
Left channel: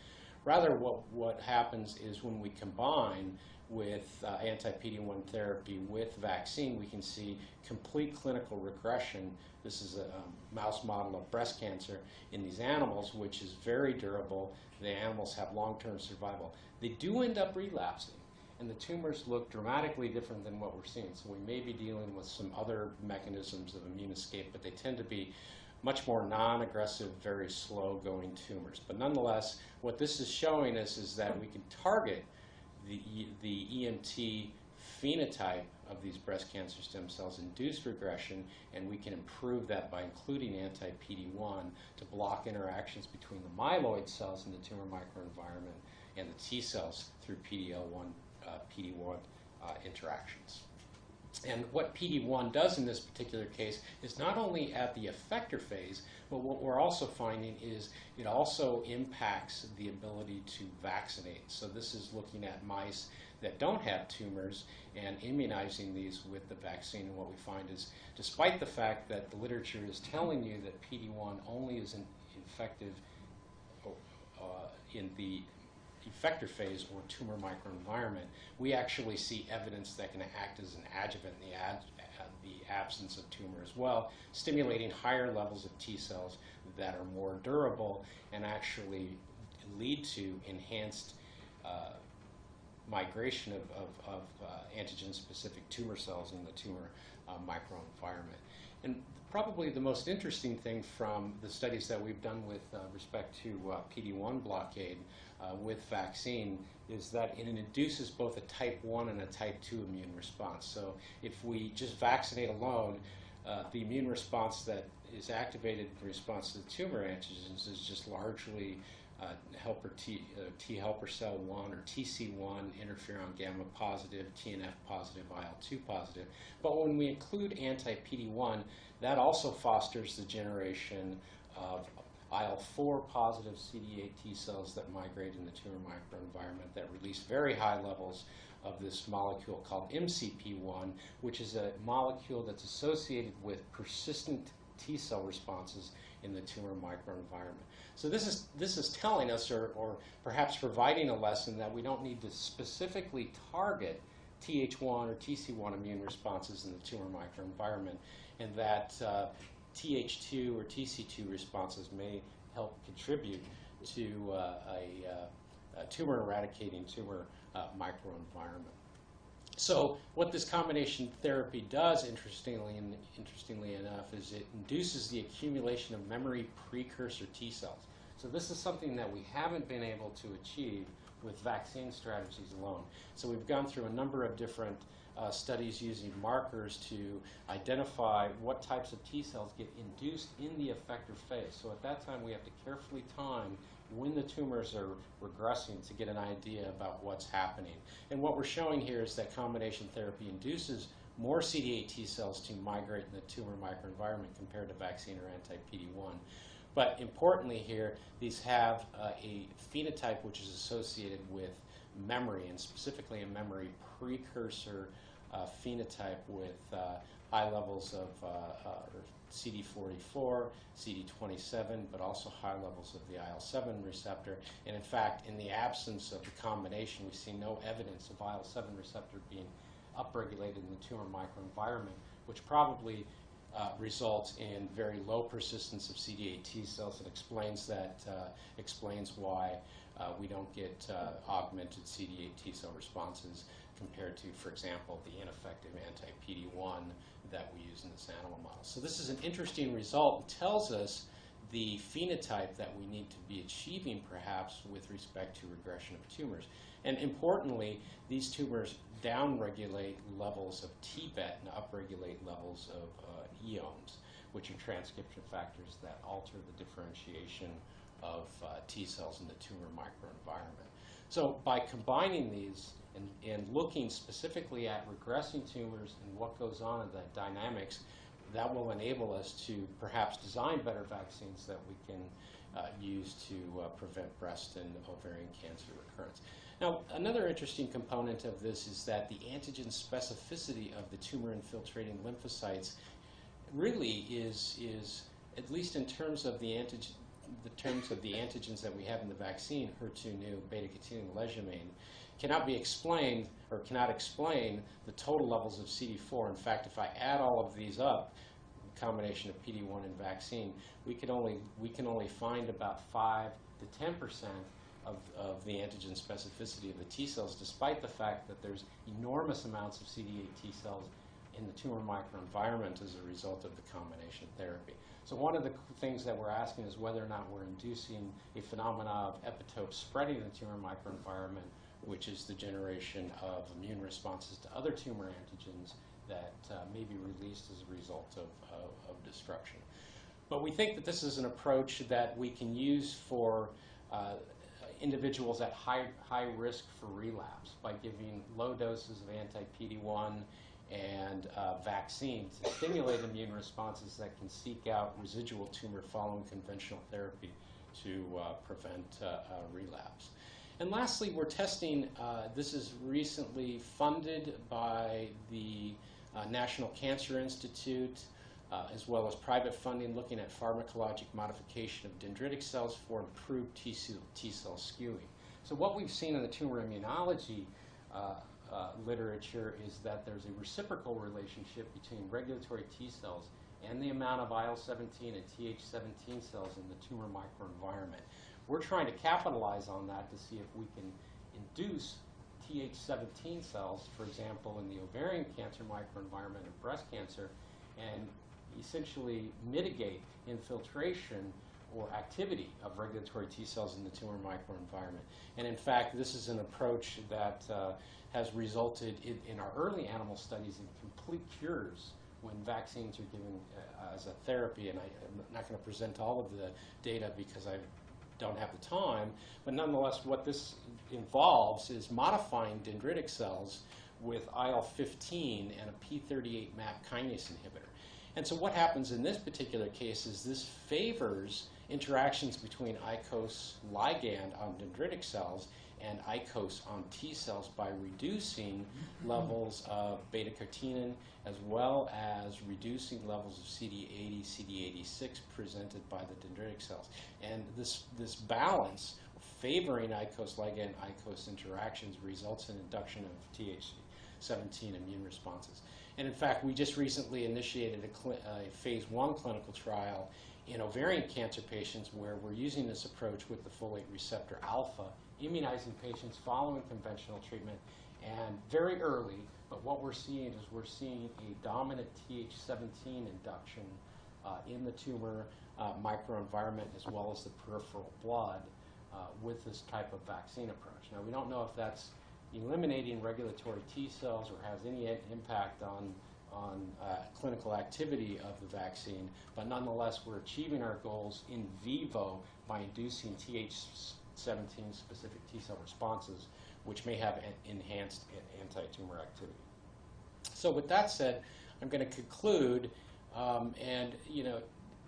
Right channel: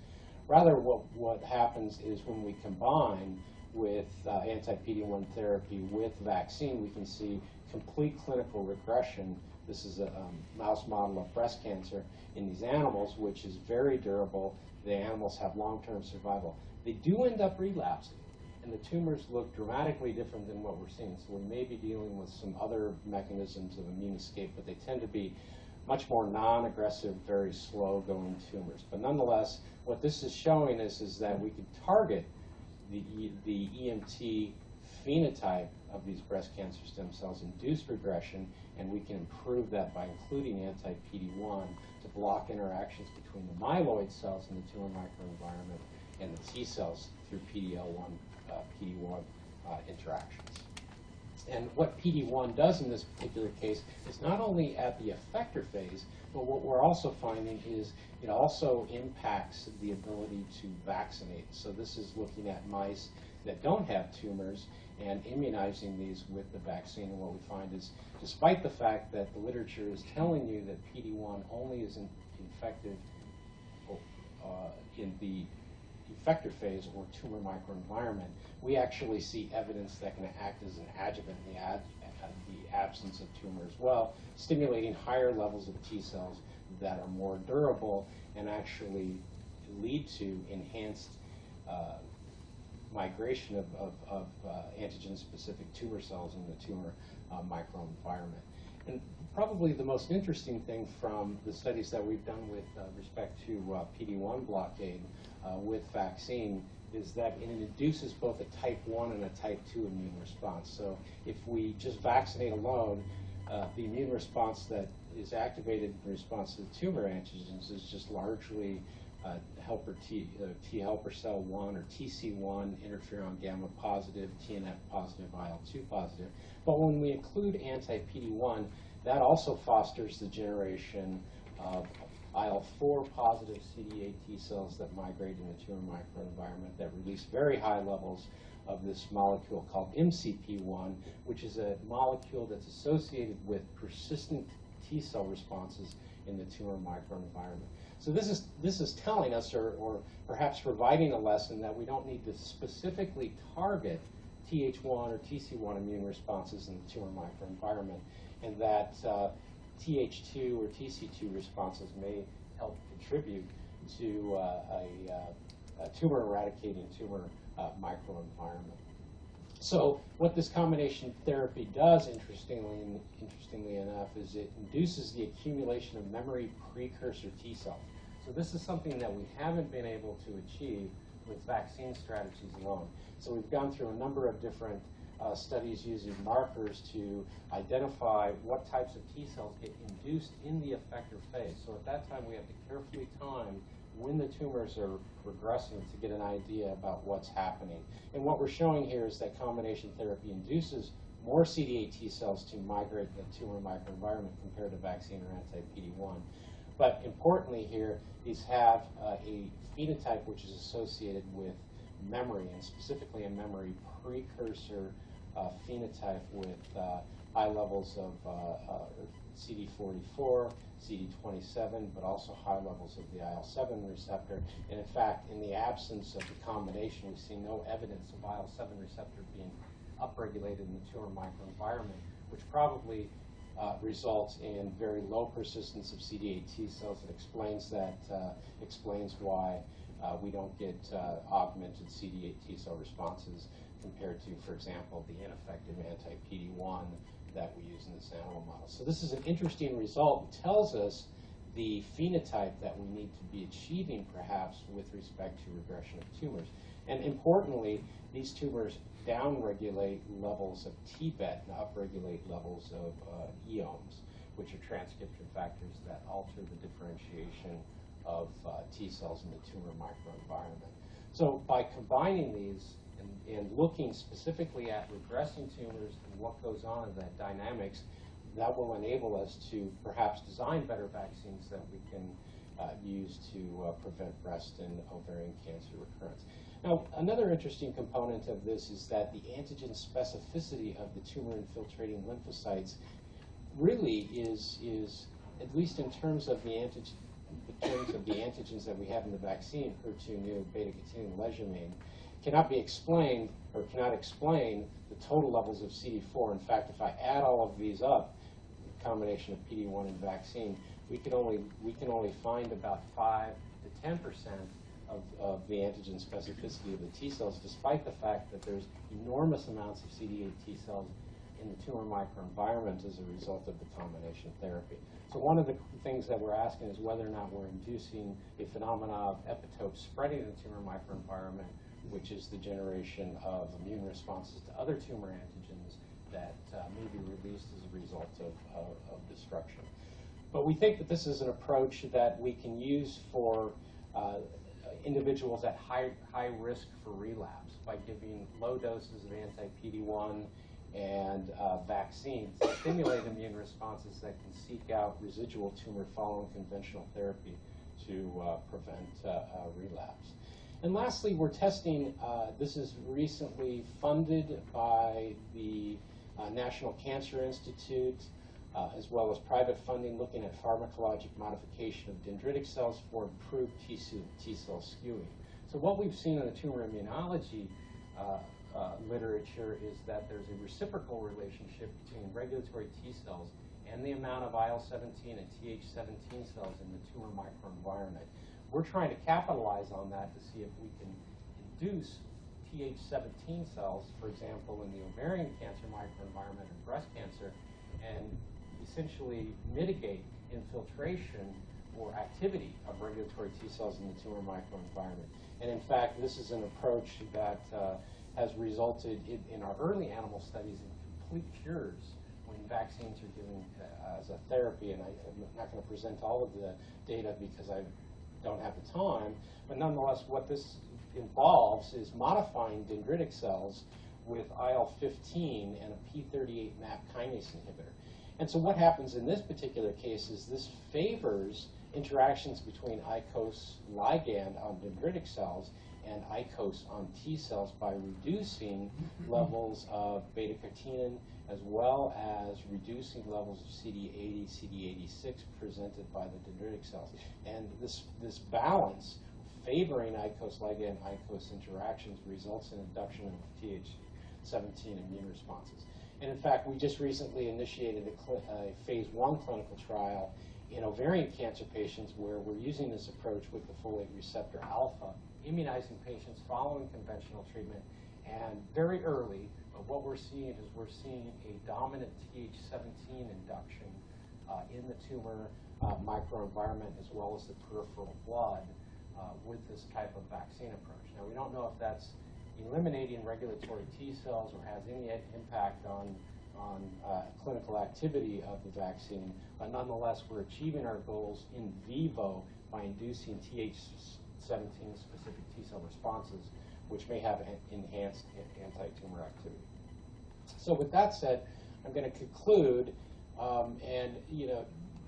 Rather, what happens is when we combine with anti-PD-1 therapy with vaccine, we can see complete clinical regression. This is a mouse model of breast cancer in these animals, which is very durable. The animals have long-term survival. They do end up relapsing, and the tumors look dramatically different than what we're seeing. So we may be dealing with some other mechanisms of immune escape, but they tend to be much more non-aggressive, very slow-going tumors. But nonetheless, what this is showing us is that we can target the EMT phenotype of these breast cancer stem cells induced regression, and we can improve that by including anti-PD-1 to block interactions between the myeloid cells in the tumor microenvironment and the T cells through PD-L1, PD-1 interactions. And what PD-1 does in this particular case is not only at the effector phase, but what we're also finding is it also impacts the ability to vaccinate. So this is looking at mice that don't have tumors and immunizing these with the vaccine. And what we find is, despite the fact that the literature is telling you that PD-1 only is effective in the effector phase or tumor microenvironment, we actually see evidence that can act as an adjuvant in the absence of tumor as well, stimulating higher levels of T cells that are more durable and actually lead to enhanced migration of antigen-specific tumor cells in the tumor microenvironment. And probably the most interesting thing from the studies that we've done with respect to PD-1 blockade with vaccine is that it induces both a type 1 and a type 2 immune response. So if we just vaccinate alone, the immune response that is activated in response to the tumor antigens is just largely helper T helper cell 1 or TC1, interferon gamma positive, TNF positive, IL-2 positive. But when we include anti-PD-1, that also fosters the generation of IL-4 positive CD8 T cells that migrate in the tumor microenvironment that release very high levels of this molecule called MCP1, which is a molecule that's associated with persistent T cell responses in the tumor microenvironment. So this is telling us, or perhaps providing a lesson, that we don't need to specifically target Th1 or Tc1 immune responses in the tumor microenvironment, and that Th2 or Tc2 responses may help contribute to a tumor eradicating tumor microenvironment. So what this combination therapy does, interestingly enough, is it induces the accumulation of memory precursor T cells. So this is something that we haven't been able to achieve with vaccine strategies alone. So we've gone through a number of different studies using markers to identify what types of T cells get induced in the effector phase. So at that time, we have to carefully time when the tumors are regressing to get an idea about what's happening. And what we're showing here is that combination therapy induces more CD8 T cells to migrate in the tumor microenvironment compared to vaccine or anti-PD-1. But importantly here, these have a phenotype which is associated with memory, and specifically a memory precursor phenotype with high levels of CD44, CD27, but also high levels of the IL-7 receptor. And in fact, in the absence of the combination, we see no evidence of IL-7 receptor being upregulated in the tumor microenvironment, which probably results in very low persistence of CD8 T cells. It explains that, explains why we don't get augmented CD8 T cell responses compared to, for example, the ineffective anti-PD-1 that we use in this animal model. So this is an interesting result. It tells us the phenotype that we need to be achieving, perhaps, with respect to regression of tumors. And importantly, these tumors downregulate levels of TBET and upregulate levels of EOMs, which are transcription factors that alter the differentiation of T cells in the tumor microenvironment. So by combining these and looking specifically at regressing tumors and what goes on in the dynamics, that will enable us to perhaps design better vaccines that we can use to prevent breast and ovarian cancer recurrence. Now, another interesting component of this is that the antigen specificity of the tumor-infiltrating lymphocytes really is, at least in terms of the antigens that we have in the vaccine, HER2/neu, beta-catenin, leishmanian, cannot be explained, or cannot explain, the total levels of CD4. In fact, if I add all of these up, the combination of PD-1 and vaccine, we can only find about 5 to 10% of the antigen specificity of the T cells, despite the fact that there's enormous amounts of CD8 T cells in the tumor microenvironment as a result of the combination therapy. So one of the things that we're asking is whether or not we're inducing a phenomena of epitopes spreading in the tumor microenvironment, which is the generation of immune responses to other tumor antigens that may be released as a result of disruption. But we think that this is an approach that we can use for individuals at high risk for relapse by giving low doses of anti-PD-1 and vaccines to stimulate immune responses that can seek out residual tumor following conventional therapy to prevent relapse. And lastly, we're testing, this is recently funded by the National Cancer Institute, as well as private funding looking at pharmacologic modification of dendritic cells for improved T cell skewing. So what we've seen in the tumor immunology literature is that there's a reciprocal relationship between regulatory T cells and the amount of IL-17 and Th17 cells in the tumor microenvironment. We're trying to capitalize on that to see if we can induce Th17 cells, for example, in the ovarian cancer microenvironment and breast cancer, and essentially mitigate infiltration or activity of regulatory T cells in the tumor microenvironment. And in fact, this is an approach that has resulted in our early animal studies in complete cures when vaccines are given as a therapy. And I'm not going to present all of the data because I don't have the time, but nonetheless, what this involves is modifying dendritic cells with IL-15 and a P38 MAP kinase inhibitor. And so what happens in this particular case is this favors interactions between ICOS ligand on dendritic cells and ICOS on T cells by reducing levels of beta-catenin as well as reducing levels of CD80, CD86 presented by the dendritic cells. And this balance favoring ICOS ligand ICOS interactions results in induction of Th17 immune responses. And in fact, we just recently initiated a phase 1 clinical trial in ovarian cancer patients where we're using this approach with the folate receptor alpha, immunizing patients following conventional treatment, and very early, but what we're seeing is we're seeing a dominant Th17 induction in the tumor microenvironment as well as the peripheral blood with this type of vaccine approach. Now, we don't know if that's eliminating regulatory T cells or has any impact on clinical activity of the vaccine, but nonetheless, we're achieving our goals in vivo by inducing Th17 specific T cell responses, which may have enhanced anti-tumor activity. So with that said, I'm going to conclude,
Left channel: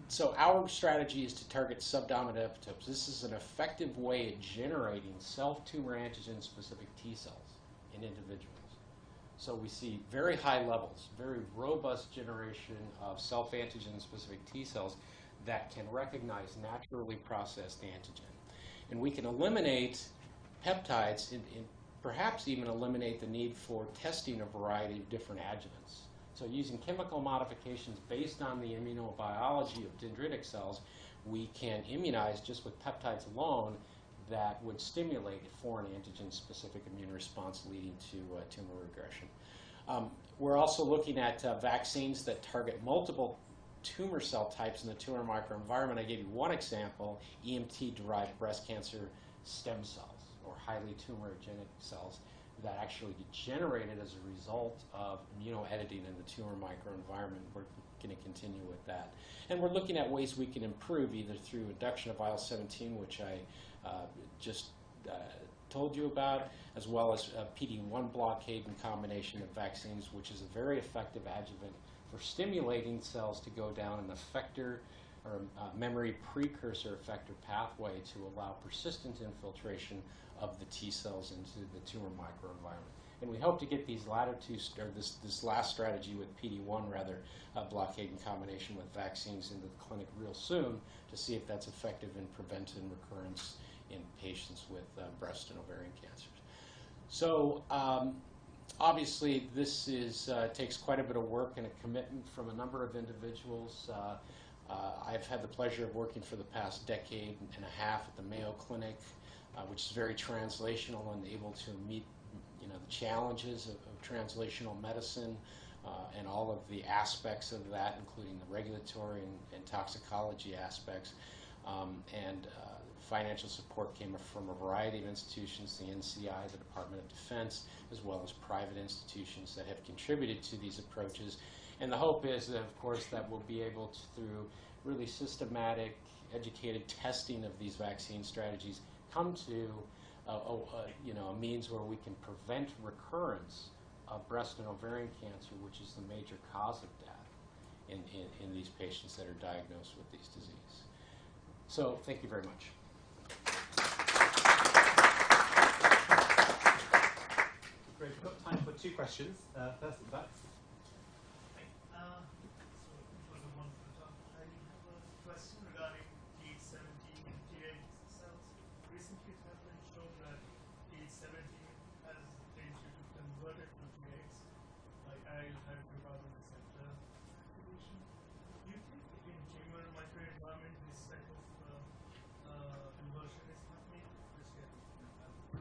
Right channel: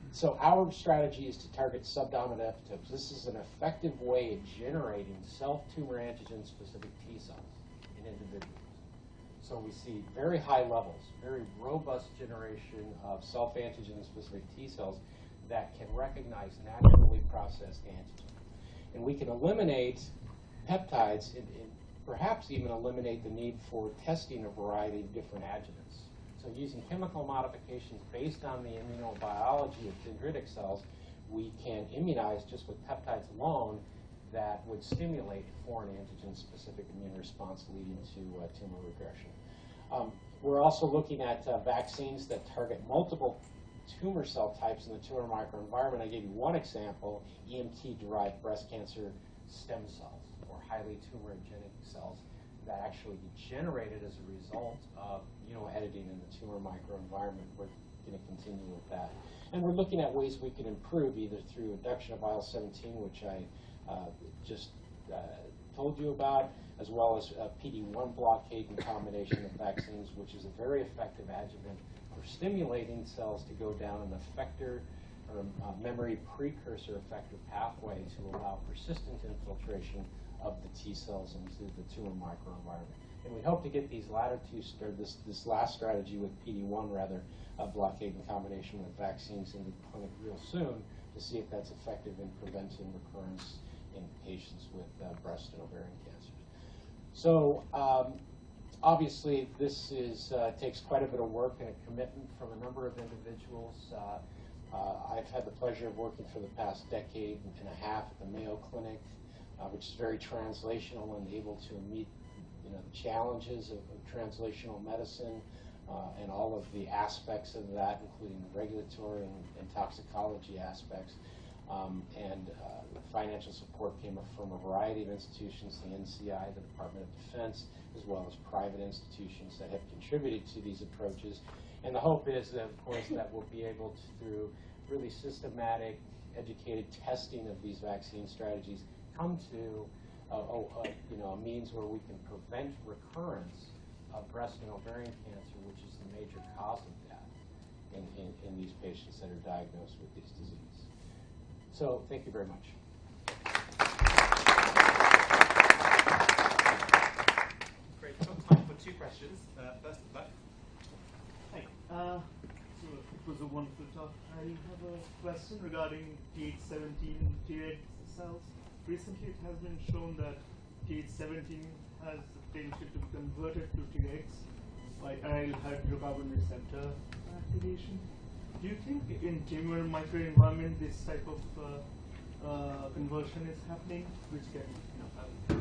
so our strategy is to target subdominant epitopes. This is an effective way of generating self-tumor antigen-specific T cells in individuals. So we see very high levels, very robust generation of self-antigen-specific T cells that can recognize naturally processed antigen. And we can eliminate peptides and perhaps even eliminate the need for testing a variety of different adjuvants. So using chemical modifications based on the immunobiology of dendritic cells, we can immunize just with peptides alone that would stimulate a foreign antigen-specific immune response leading to tumor regression. We're also looking at vaccines that target multiple tumor cell types in the tumor microenvironment. I gave you one example, EMT-derived breast cancer stem cells, or highly tumorigenic cells that actually get generated as a result of immunoediting in the tumor microenvironment. We're going to continue with that. And we're looking at ways we can improve either through induction of IL-17, which I just told you about, as well as PD-1 blockade in combination with vaccines, which is a very effective adjuvant for stimulating cells to go down an effector or memory precursor effector pathway to allow persistent infiltration of the T cells into the tumor microenvironment. And we hope to get these latter two, or this last strategy with PD-1 rather, blockade in combination with vaccines in the clinic real soon to see if that's effective in preventing recurrence in patients with breast and ovarian cancers. So obviously this takes quite a bit of work and a commitment from a number of individuals. I've had the pleasure of working for the past decade and a half at the Mayo Clinic, which is very translational and able to meet the challenges of translational medicine and all of the aspects of that, including the regulatory and toxicology aspects. financial support came from a variety of institutions, the NCI, the Department of Defense, as well as private institutions that have contributed to these approaches. And the hope is that, of course, that we'll be able to, through really systematic, educated testing of these vaccine strategies, come to a means where we can prevent recurrence of breast and ovarian cancer, which is the major cause of death in these patients that are diagnosed with these diseases. So thank you very much. Great. We've got time for 2 questions. First of all, Hi. So it was a wonderful talk. I have a question regarding TH17 Treg cells. Recently, it has been shown that TH17 has the potential to be converted to Tregs by aryl hydrocarbon receptor activation. Do you think in tumor microenvironment this type of conversion is happening, which can have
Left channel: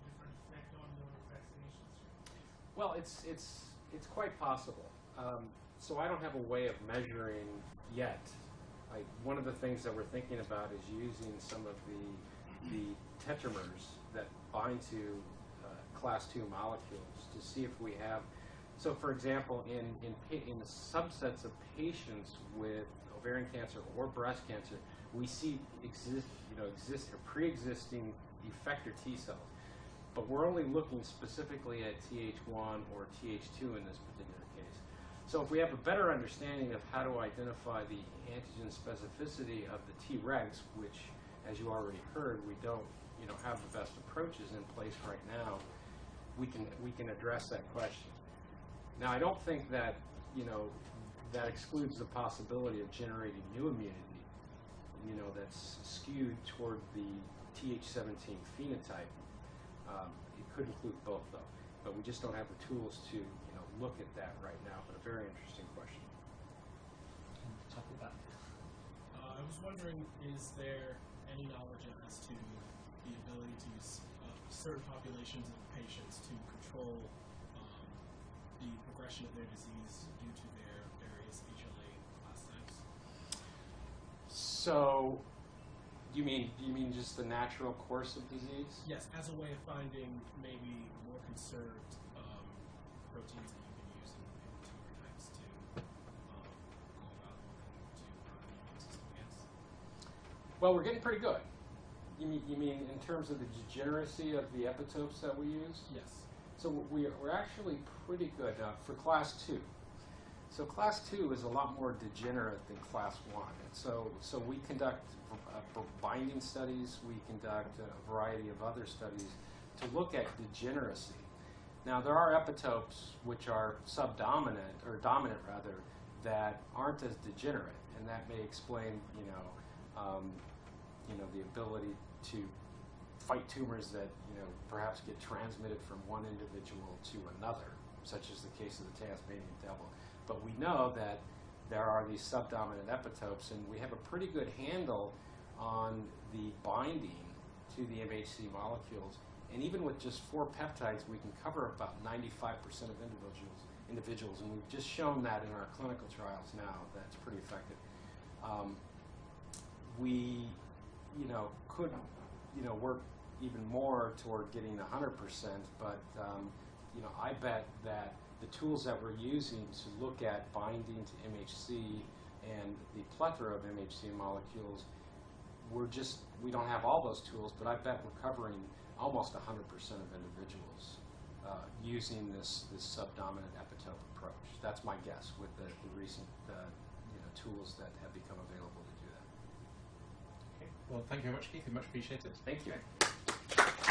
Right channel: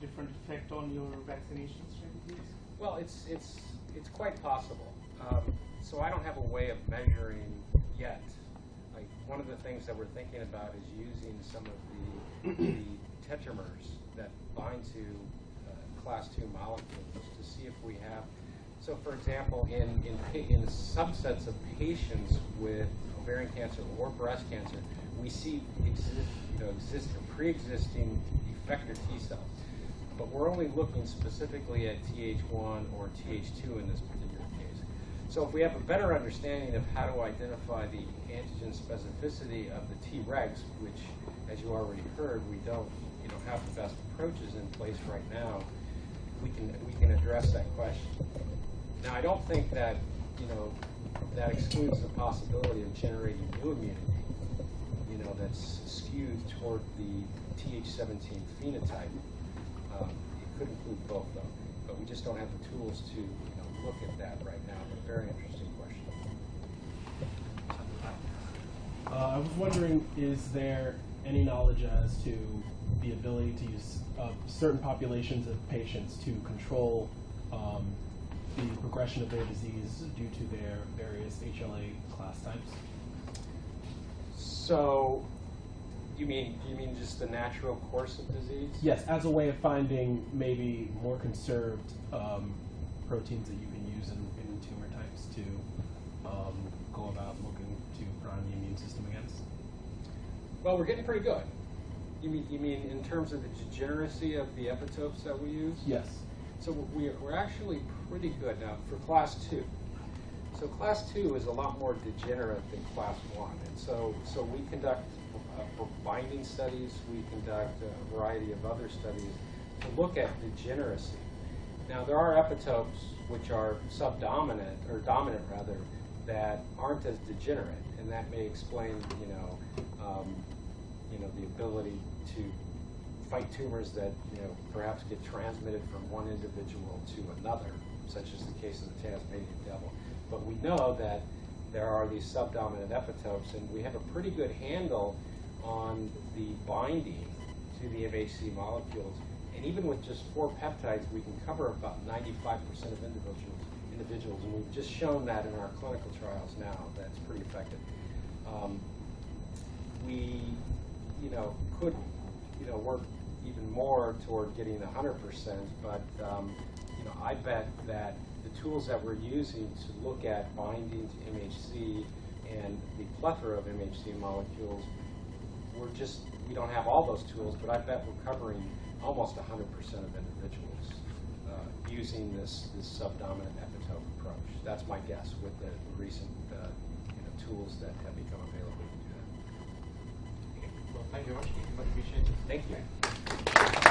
different effect on your vaccination strategies? Well, it's quite possible. So I don't have a way of measuring yet. Like, one of the things that we're thinking about is using some of the tetramers that bind to class 2 molecules to see if we have. So, for example, in subsets of patients with ovarian cancer or breast cancer, we see pre-existing effector T cells. But we're only looking specifically at Th1 or Th2 in this particular case. So if we have a better understanding of how to identify the antigen specificity of the Tregs, which, as you already heard, we don't have the best approaches in place right now, we can address that question. Now, I don't think that that excludes the possibility of generating new immunity, that's skewed toward the Th17 phenotype. It could include both, though, but we just don't have the tools to look at that right now. But very interesting question. I was wondering, is there any knowledge as to the ability to use certain populations of patients to control the progression of their disease due to their various HLA class types? So, you mean just the natural course of disease? Yes, as a way of finding maybe more conserved proteins that you can use in tumor types to go about looking to prime the immune system against? Well, we're getting pretty good. You mean in terms of the degeneracy of the epitopes that we use? Yes. So we're actually pretty good now for class 2. So class 2 is a lot more degenerate than class 1. And so we conduct binding studies, we conduct a variety of other studies to look at degeneracy. Now, there are epitopes which are subdominant, or dominant rather, that aren't as degenerate, and that may explain, the ability to fight tumors that, perhaps get transmitted from one individual to another, such as the case of the Tasmanian devil. But we know that there are these subdominant epitopes, and we have a pretty good handle on the binding to the MHC molecules. And even with just 4 peptides, we can cover about 95% of individuals, and we've just shown that in our clinical trials now. That's pretty effective. We, could, work even more toward getting 100%, but, I bet that the tools that we're using to look at binding to MHC and the plethora of MHC molecules, we don't have all those tools, but I bet we're covering almost 100% of individuals using this subdominant epitope approach. That's my guess with the recent tools that have become available to do that. Well, thank you very much. Much appreciated. Thank you.